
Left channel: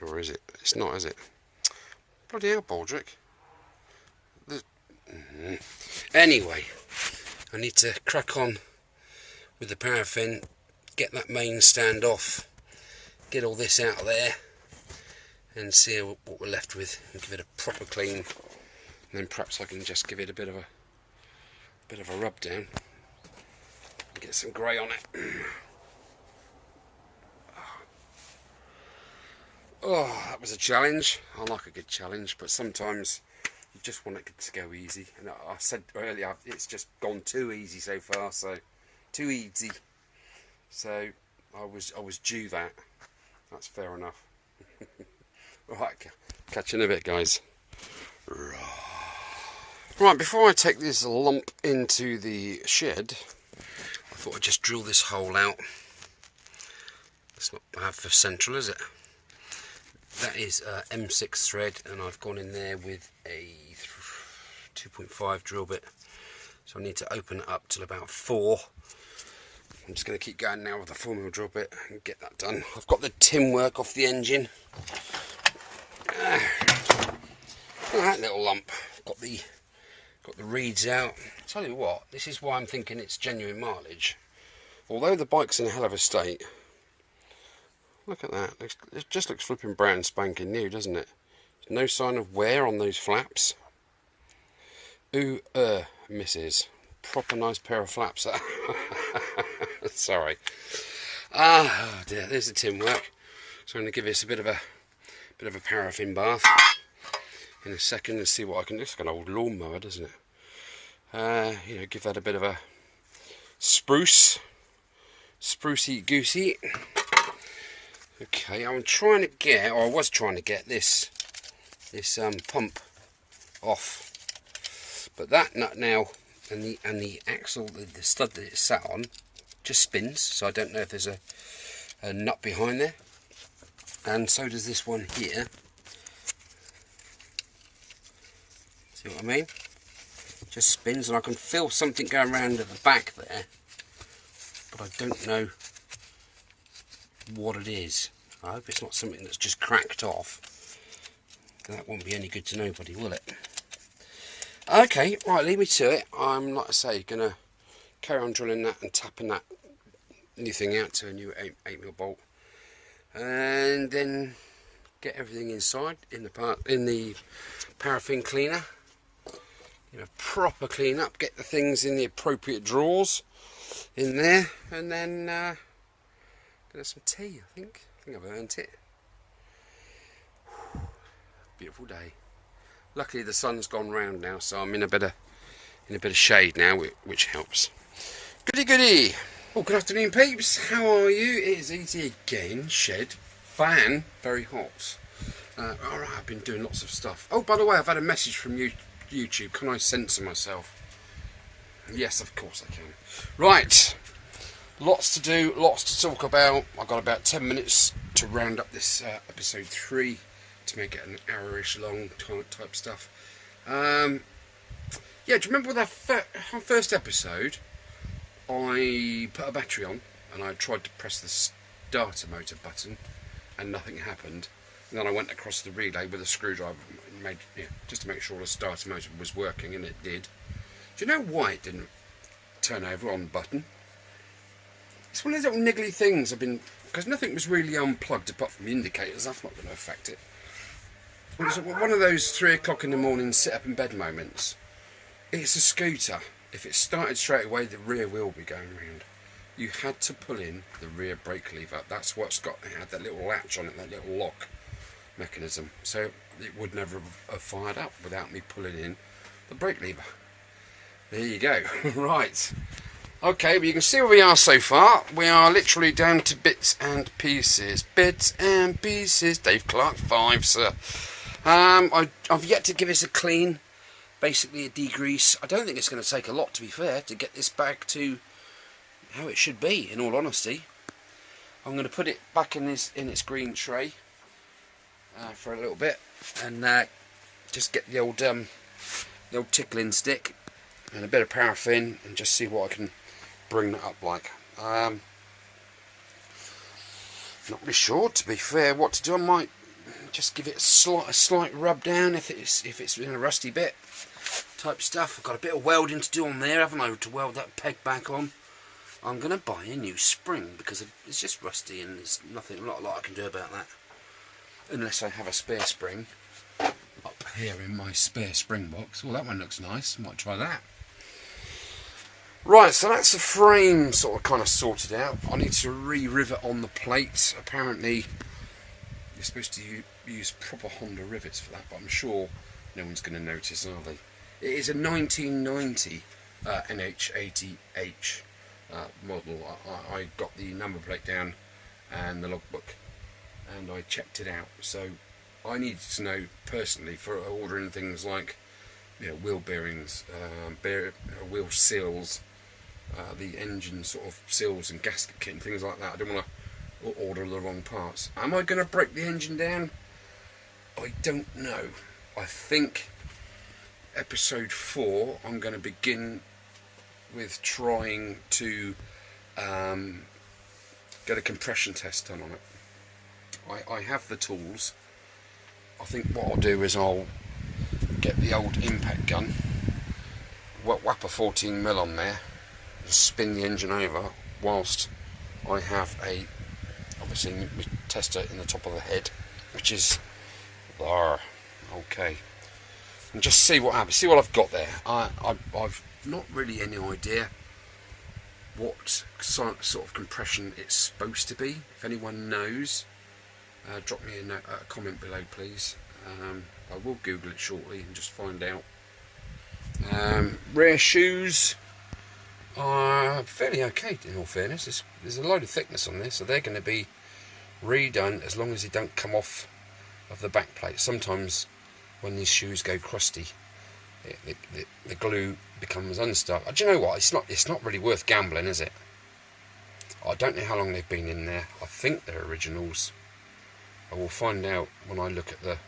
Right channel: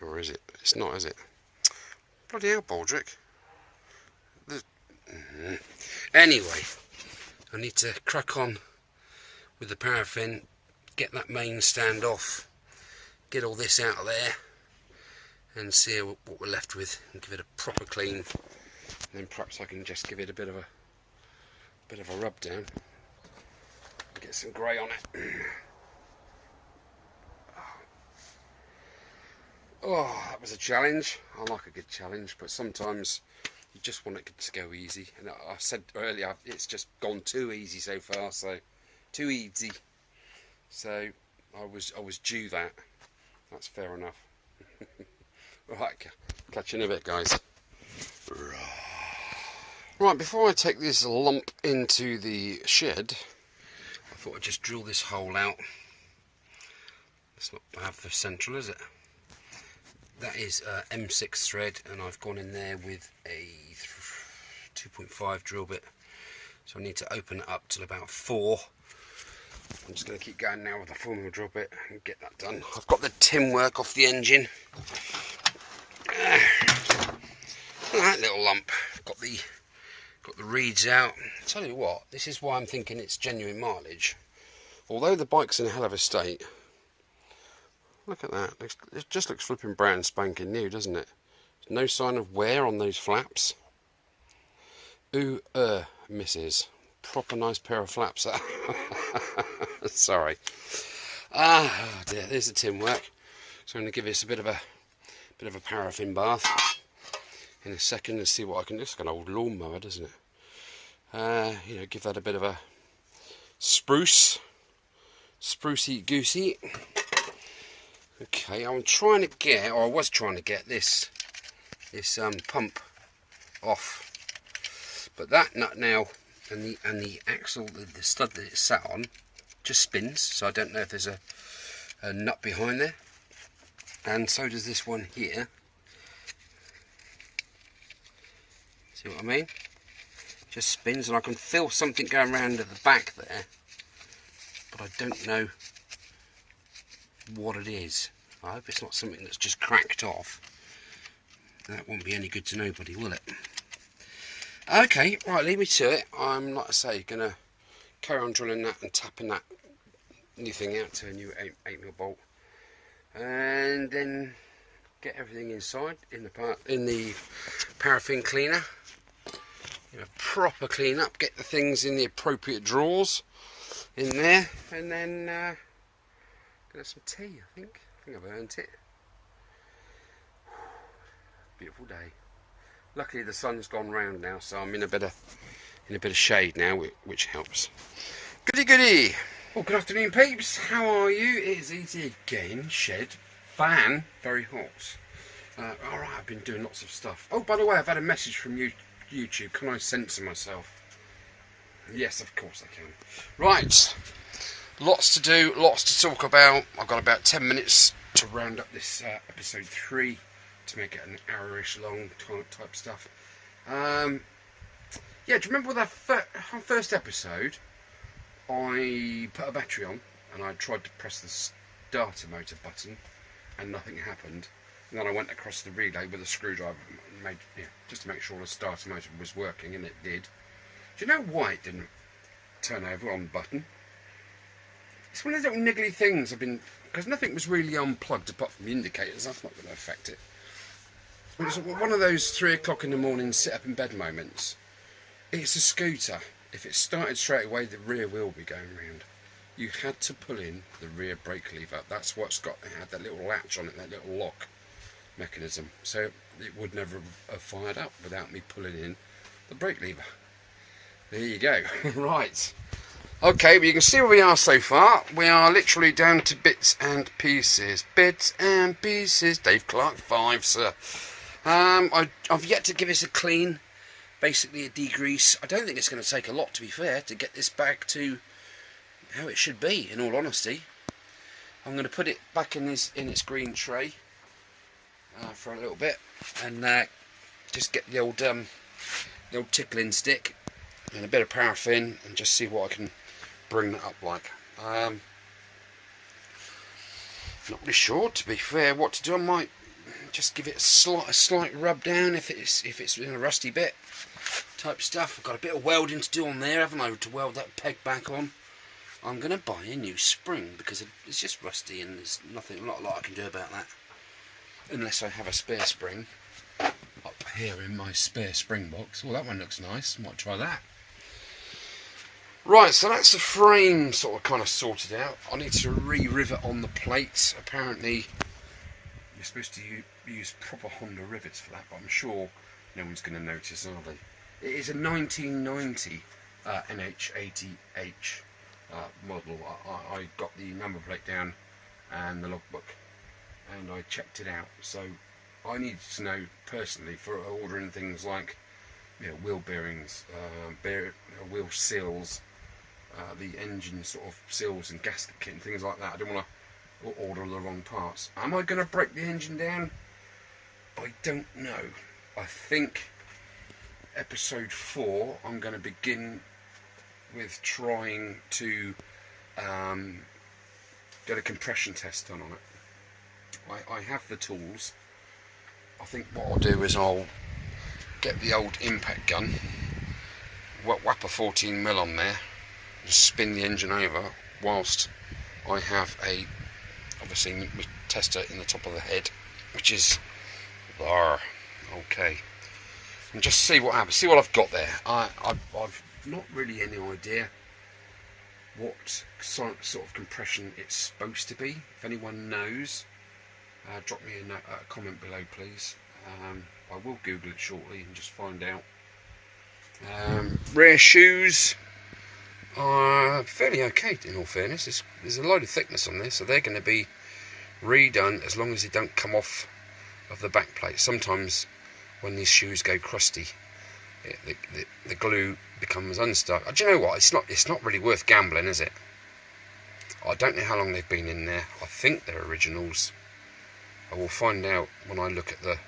Or is it? It's not, is it? Bloody hell, Baldrick. Anyway, I need to crack on with the paraffin, get that main stand off, get all this out of there, and see what we're left with, and give it a proper clean. And then perhaps I can just give it a bit of a rub down, and get some grey on it. Oh, that was a challenge. I like a good challenge, but sometimes you just want it to go easy. And I said earlier, it's just gone too easy so far. So, too easy. So I was due that. That's fair enough. Right, catch you in a bit, guys. Right, before I take this lump into the shed, I thought I'd just drill this hole out. It's not bad for central, is it? That is M6 thread, and I've gone in there with a 2.5 drill bit. So I need to open it up till about 4. I'm just going to keep going now with the 4mm drill bit and get that done. I've got the tin work off the engine. That little lump. Got the reeds out. Tell you what, this is why I'm thinking it's genuine mileage. Although the bike's in a hell of a state. Look at that. It just looks flipping brand spanking new, doesn't it? No sign of wear on those flaps. Ooh, misses. Proper nice pair of flaps. Sorry. Ah, dear. There's the tin work. So I'm going to give this a bit of a paraffin bath in a second and see what I can do. It's like an old lawnmower, doesn't it? You know, give that a bit of a sprucey goosey. Okay, I'm trying to get, or I was trying to get this pump off, but that nut now and the axle, the stud that it's sat on, just spins. So I don't know if there's a nut behind there, and so does this one here. See what I mean? Just spins, and I can feel something going around at the back there, but I don't know what it is. I hope it's not something that's just cracked off. That won't be any good to nobody, will it? Okay, right, leave me to it. I'm, like I say, going to carry on drilling that and tapping that new thing out to a new 8mm bolt, and then get everything inside in the paraffin cleaner. You know, proper clean up, get the things in the appropriate drawers in there, and then get some tea. I think I've earned it. Beautiful day. Luckily the sun's gone round now, so I'm in a bit of shade now, which helps. Goody. Well, good afternoon, peeps. How are you? It is easy again. Shed, fan, very hot. Alright, I've been doing lots of stuff. Oh, by the way, I've had a message from YouTube. Can I censor myself? Yes, of course I can. Right. Lots to do, lots to talk about. I've got about 10 minutes to round up this episode 3 to make it an hour-ish long type stuff. Yeah, do you remember with our first episode, I put a battery on and I tried to press the starter motor button and nothing happened. And then I went across the relay with a screwdriver just to make sure the starter motor was working, and it did. Do you know why it didn't turn over on the button? It's one of those little niggly things because nothing was really unplugged apart from the indicators. That's not going to affect it. It was one of those 3 o'clock in the morning sit up in bed moments. It's a scooter. If it started straight away, the rear wheel would be going round. You had to pull in the rear brake lever. That's what's got. It had that little latch on it, that little lock mechanism. So it would never have fired up without me pulling in the brake lever. There you go. Right. Okay, but you can see where we are so far. We are literally down to bits and pieces. Bits and pieces. Dave Clark 5, sir. I've yet to give this a clean. basically a degrease. I don't think it's going to take a lot, to be fair, to get this back to how it should be, in all honesty. I'm going to put it back in its green tray for a little bit, and just get the old tickling stick and a bit of paraffin, and just see what I can bring that up like. Not really sure, to be fair, what to do. I might just give it a slight rub down if it's in a rusty bit type stuff. I've got a bit of welding to do on there, haven't I, to weld that peg back on. I'm going to buy a new spring because it's just rusty, and there's not a lot I can do about that, unless I have a spare spring up here in my spare spring box. Well, that one looks nice. Might try that. Right, so that's the frame sort of kind of sorted out. I need to re-rivet on the plates. Apparently, you're supposed to use proper Honda rivets for that, but I'm sure no one's going to notice, are they? It is a 1990 NH80H model. I got the number plate down and the logbook, and I checked it out. So I needed to know personally for ordering things like, you know, wheel bearings, wheel seals, the engine sort of seals and gasket kit and things like that. I don't want to order the wrong parts. Am I going to break the engine down? I don't know. I think episode 4 I'm going to begin with trying to get a compression test done on it. I have the tools. I think what I'll do is I'll get the old impact gun, whap a 14mm on there, and spin the engine over whilst I have obviously my tester in the top of the head, which is there. Okay, and just see what happens. See what I've got there. I've not really any idea what sort of compression it's supposed to be. If anyone knows, drop me a comment below, please. I will Google it shortly and just find out. Rear shoes are fairly okay, in all fairness. There's a load of thickness on this, so they're going to be redone as long as they don't come off of the back plate. Sometimes when these shoes go crusty, the glue becomes unstuck. Do you know what? It's not really worth gambling, is it? I don't know how long they've been in there. I think they're originals. I will find out when I look at the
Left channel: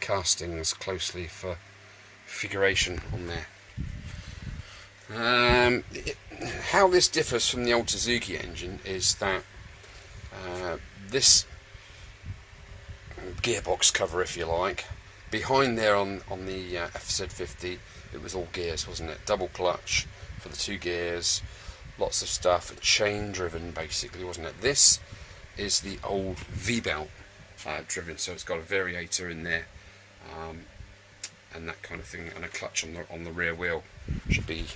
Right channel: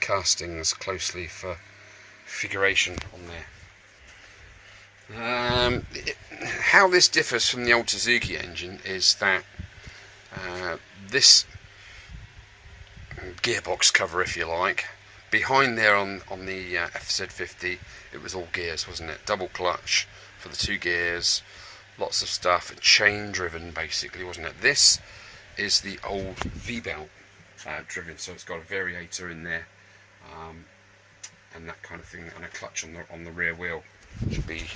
castings closely for figuration on there. How this differs from the old Suzuki engine is that this gearbox cover, if you like, behind there on the FZ50, it was all gears, wasn't it? Double clutch for the 2 gears, lots of stuff, chain driven basically, wasn't it? This is the old V-belt driven, so it's got a variator in there, and that kind of thing, and a clutch on the rear wheel. Should be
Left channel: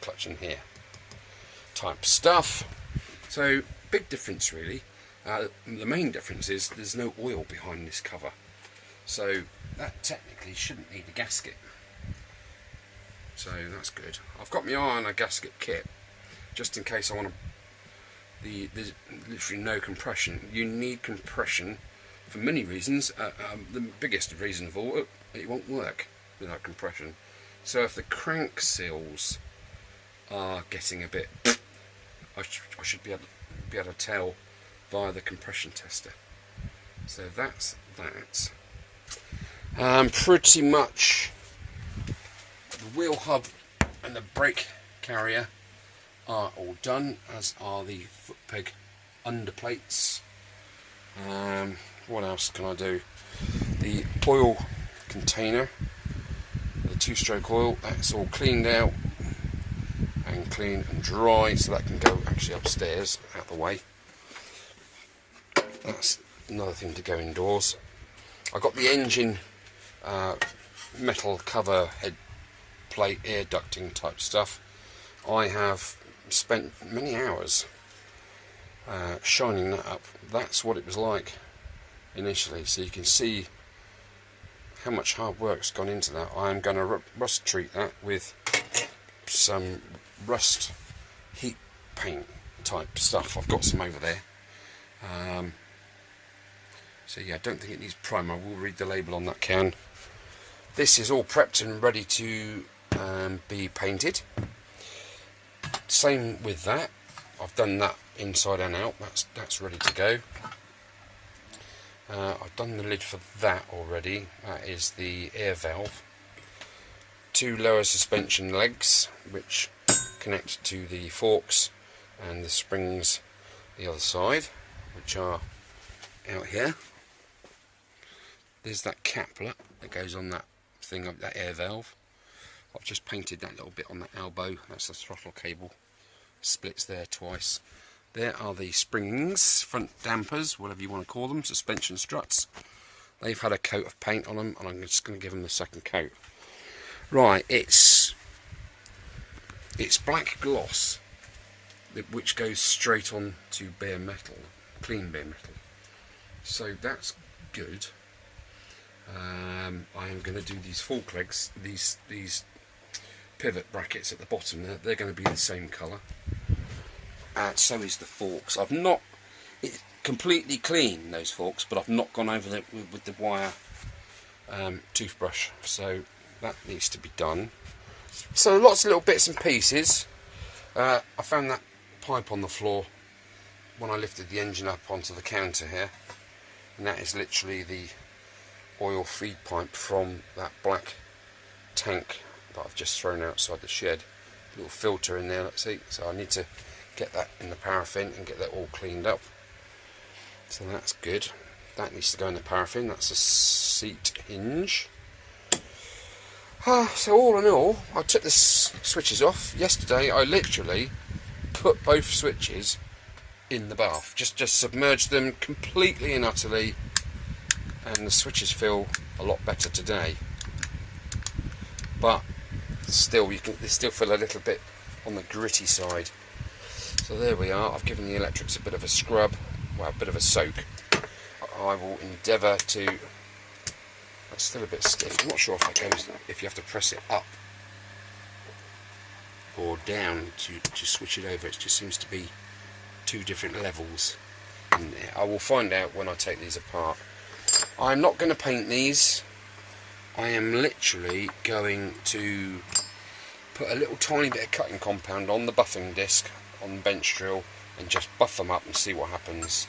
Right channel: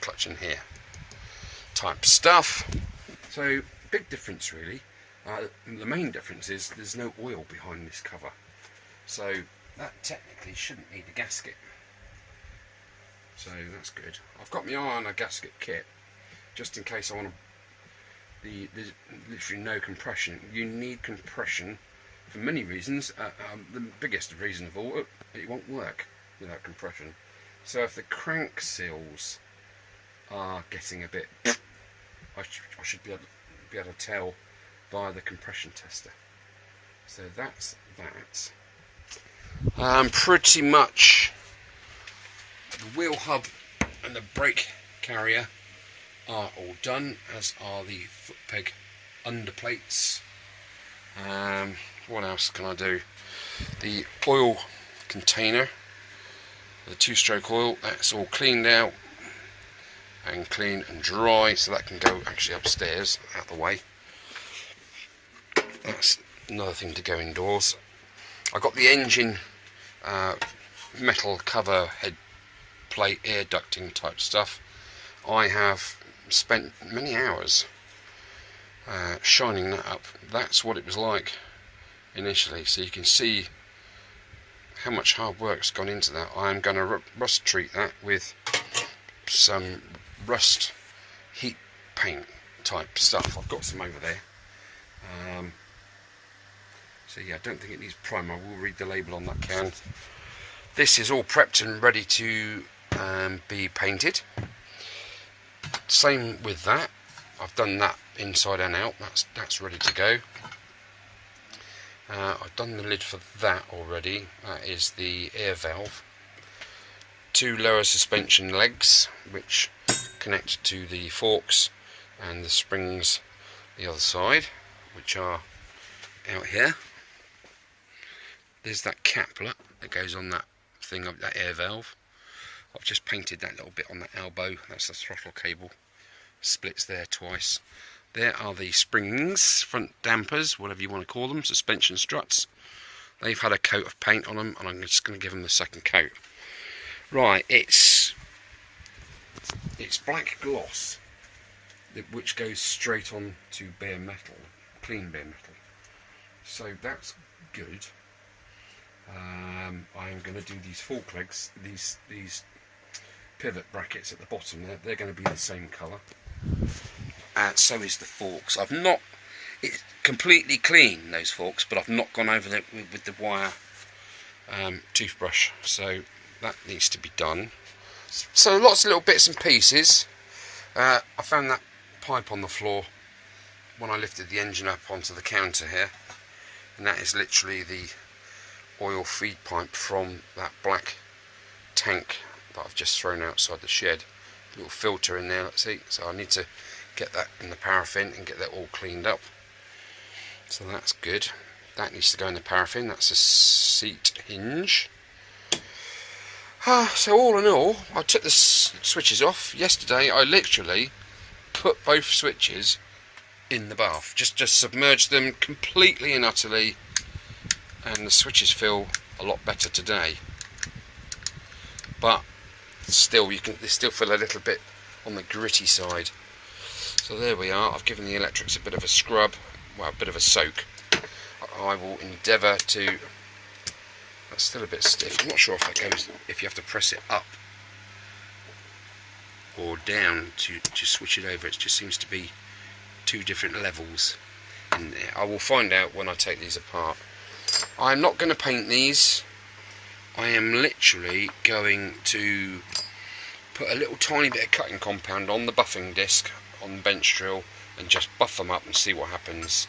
clutch in here type stuff. So big difference really. The main difference is there's no oil behind this cover, so that technically shouldn't need a gasket, so that's good. I've got my eye on a gasket kit just in case I want to. There's literally no compression. You need compression for many reasons. The biggest reason of all, it won't work without compression. So if the crank seals are getting a bit, I should be able to tell via the compression tester. So that's that. Pretty much the wheel hub and the brake carrier are all done, as are the foot peg underplates. What else can I do? The oil container, the 2-stroke oil, that's all cleaned out and clean and dry, so that can go actually upstairs out the way. That's another thing to go indoors. I got the engine metal cover, head plate, air ducting type stuff. I have spent many hours shining that up. That's what it was like initially, so you can see how much hard work's gone into that. I'm going to rust treat that with some rust heat paint type stuff. I've got some over there. So yeah, I don't think it needs primer. I will read the label on that can. This is all prepped and ready to be painted. Same with that. I've done that inside and out. That's ready to go. I've done the lid for that already. That is the air valve. 2 lower suspension legs which connect to the forks, and the springs the other side, which are out here. There's that caplet that goes on that thing, that air valve. I've just painted that little bit on that elbow. That's the throttle cable. Splits there twice. There are the springs, front dampers, whatever you want to call them, suspension struts. They've had a coat of paint on them, and I'm just going to give them the second coat. Right, it's black gloss, which goes straight on to bare metal, clean bare metal. So that's good. I am going to do these fork legs, these pivot brackets at the bottom. They're going to be the same colour. So is the forks. I've not completely clean those forks, but I've not gone over them with the wire toothbrush. So that needs to be done. So lots of little bits and pieces. I found that pipe on the floor when I lifted the engine up onto the counter here, and that is literally the oil feed pipe from that black tank that I've just thrown outside the shed. Little filter in there, let's see. So I need to get that in the paraffin and get that all cleaned up. So that's good. That needs to go in the paraffin. That's a seat hinge. So all in all, I took the switches off. Yesterday I literally put both switches in the bath. Just submerged them completely and utterly, and the switches feel a lot better today. But still, they still feel a little bit on the gritty side. So there we are. I've given the electrics a bit of a scrub, well, a bit of a soak. I will endeavour to. That's still a bit stiff. I'm not sure if that goes, if you have to press it up or down to switch it over. It just seems to be 2 different levels in there. I will find out when I take these apart. I'm not going to paint these. I am literally going to put a little tiny bit of cutting compound on the buffing disc on the bench drill and just buff them up and see what happens.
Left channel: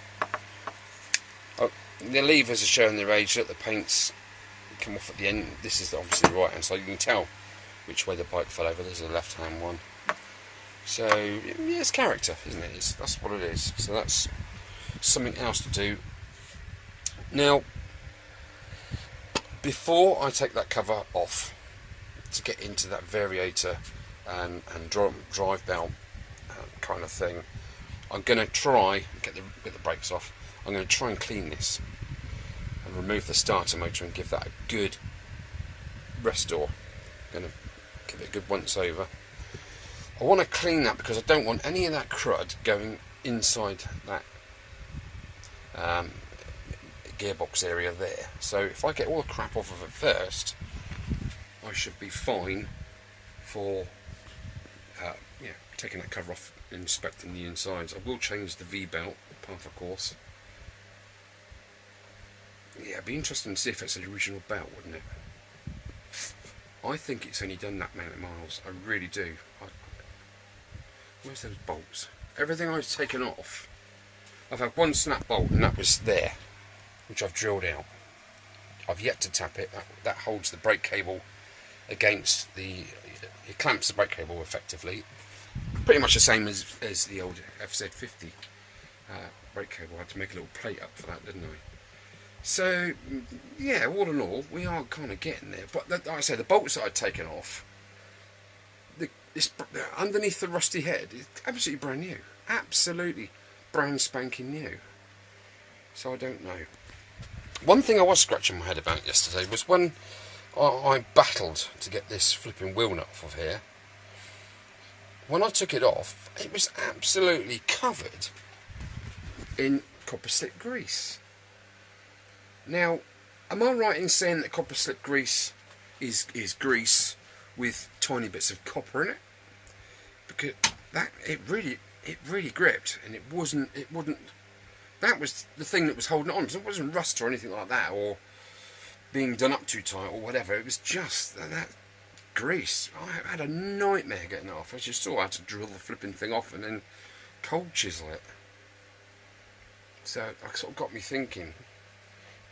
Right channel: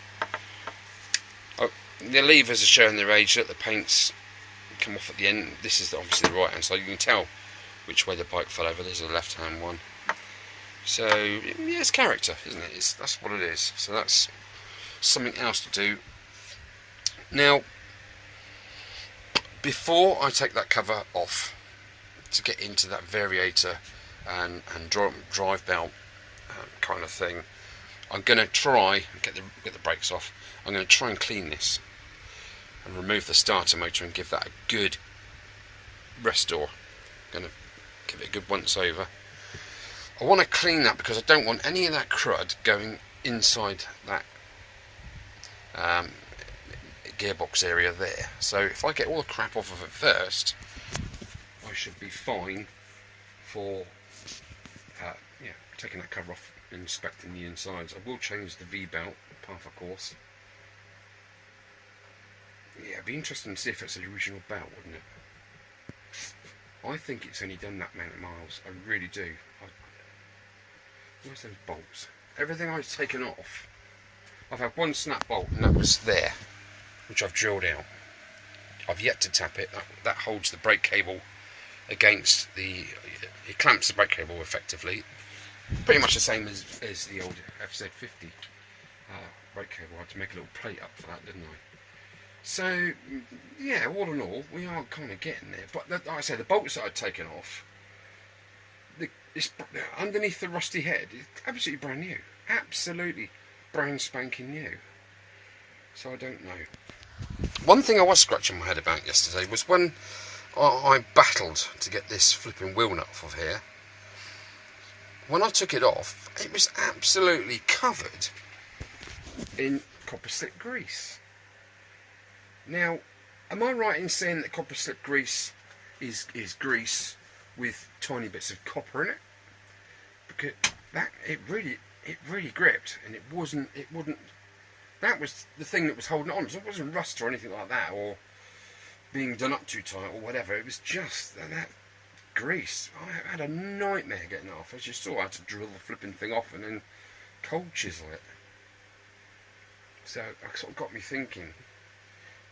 Oh, the levers are showing their age. That the paint's come off at the end. This is obviously the right hand side. You can tell which way the bike fell over. There's a left hand one. So yeah, it's character, isn't it? That's what it is. So that's something else to do. Now, before I take that cover off to get into that variator and drive belt kind of thing, I'm going to try get the brakes off. I'm going to try and clean this and remove the starter motor and give that a good restore. I'm going to give it a good once over. I want to clean that because I don't want any of that crud going inside that gearbox area there. So if I get all the crap off of it first, I should be fine for taking that cover off and inspecting the insides. I will change the V-belt, path of course. Yeah, it'd be interesting to see if it's the original belt, wouldn't it? I think it's only done that many miles. I really do. Where's those bolts? Everything I've taken off, I've had one snap bolt, and that was there, which I've drilled out. I've yet to tap it. That holds the brake cable against the. It clamps the brake cable effectively. Pretty much the same as the old FZ50 brake cable. I had to make a little plate up for that, didn't I? So yeah, all in all, we are kind of getting there. But like I said, the bolts that I'd taken off, underneath the rusty head, it's absolutely brand new. Absolutely brand spanking new. So I don't know. One thing I was scratching my head about yesterday was when I battled to get this flipping wheel nut off of here. When I took it off, it was absolutely covered in copper slip grease. Now, am I right in saying that copper slip grease is grease with tiny bits of copper in it? Because it really gripped, and it wouldn't. That was the thing that was holding it on. So it wasn't rust or anything like that, or being done up too tight or whatever. It was just that grease. I had a nightmare getting it off. As you saw, I had to drill the flipping thing off and then cold chisel it. So it sort of got me thinking,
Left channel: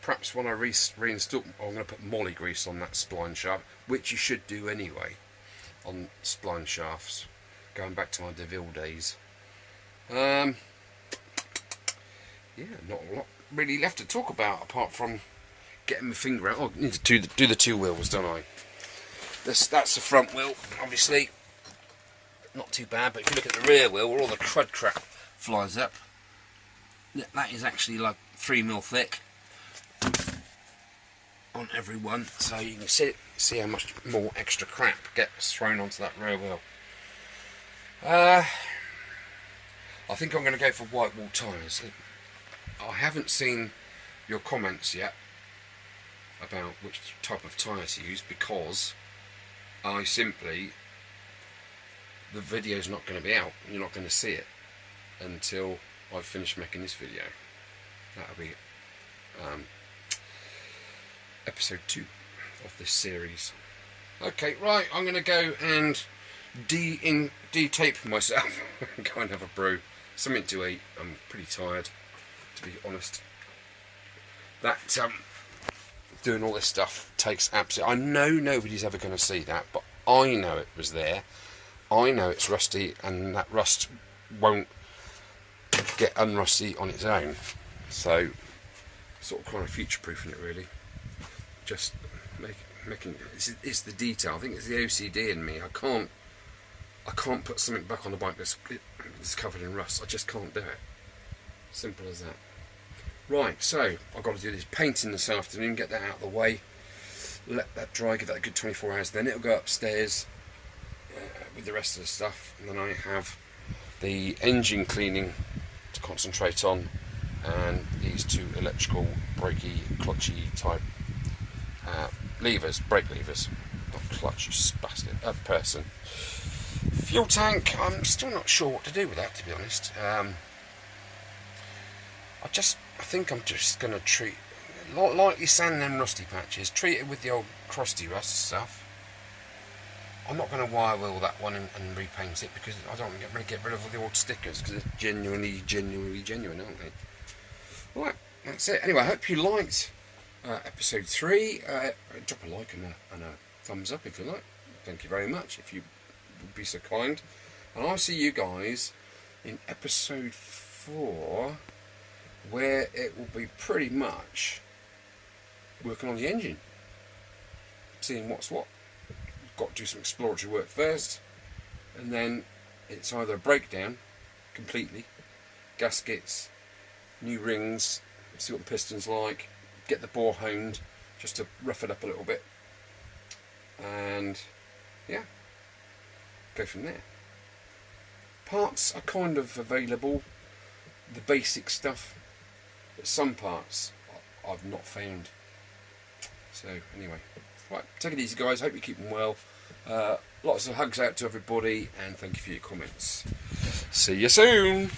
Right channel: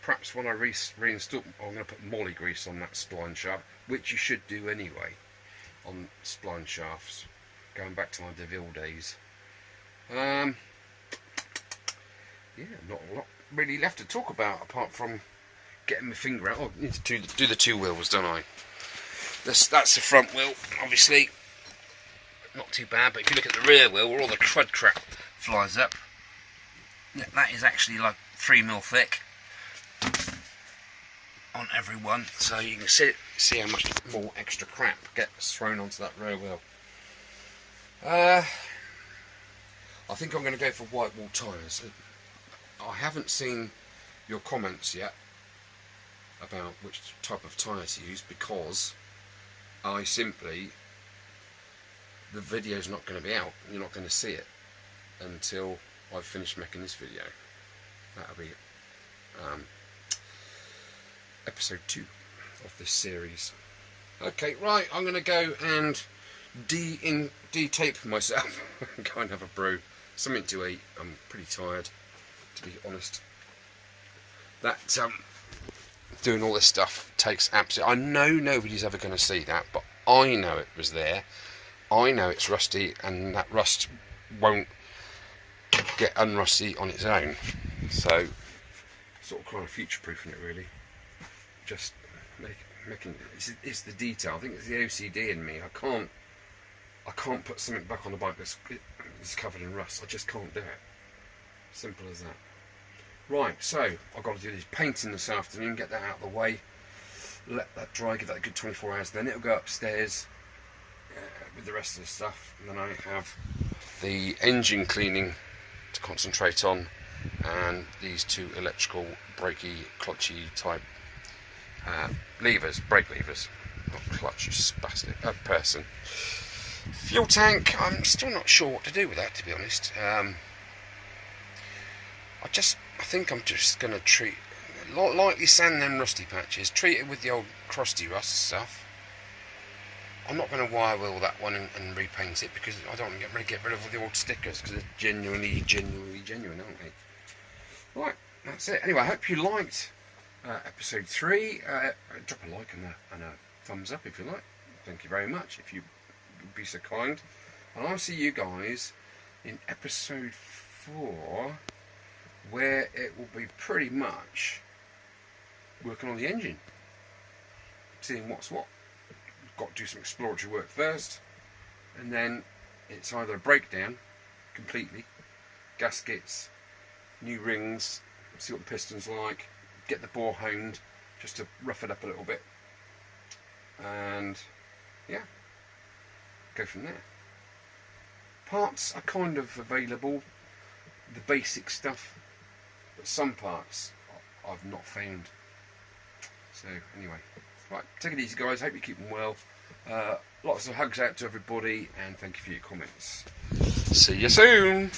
perhaps when I reinstall, I'm going to put molly grease on that spline shaft, which you should do anyway on spline shafts, going back to my DeVille days. Yeah, not a lot really left to talk about apart from getting my finger out. Oh, I need to do the two wheels, don't I? That's the front wheel, obviously. Not too bad, but if you look at the rear wheel where all the crud crap flies up, yeah, that is actually like 3mm thick on every one, so you can see how much more extra crap gets thrown onto that rear wheel. I think I'm going to go for white wall tyres. I haven't seen your comments yet about which type of tyre to use, because the video's not going to be out. You're not going to see it until I've finished making this video. That'll be episode 2 of this series. Okay, right, I'm going to go and de-tape myself and go and have a brew. Something to eat. I'm pretty tired, to be honest. That doing all this stuff takes absolutely... I know nobody's ever going to see that, but I know it was there. I know it's rusty, and that rust won't get unrusty on its own. So, sort of kind of future-proofing it, really. Just making it's the detail. I think it's the OCD in me. I can't put something back on the bike that's covered in rust. I just can't do it. Simple as that. Right, so I've got to do this painting this afternoon, get that out of the way, let that dry, give that a good 24 hours, then it'll go upstairs with the rest of the stuff, and then I have the engine cleaning to concentrate on, and these two electrical brakey, clutchy type levers, brake levers, not clutch, you spastic person. Fuel tank, I'm still not sure what to do with that, to be honest. I think I'm just going to lightly sand them rusty patches, treat it with the old crusty rust stuff. I'm not going to wire wheel that one and repaint it, because I don't want to get rid of all the old stickers, because they're genuine, aren't they? Right, that's it. Anyway, I hope you liked episode 3. Drop a like and a thumbs up if you like. Thank you very much, if you would be so kind. And I'll see you guys in episode 4, where it will be pretty much working on the engine, seeing what's what. We've got to do some exploratory work first, and then it's either a breakdown completely, gaskets, new rings, see what the piston's like, get the bore honed just to rough it up a little bit, and yeah, go from there. Parts are kind of available, the basic stuff, but some parts I've not found. So anyway, right, take it easy guys, hope you're keeping well. Lots of hugs out to everybody, and thank you for your comments. See you soon.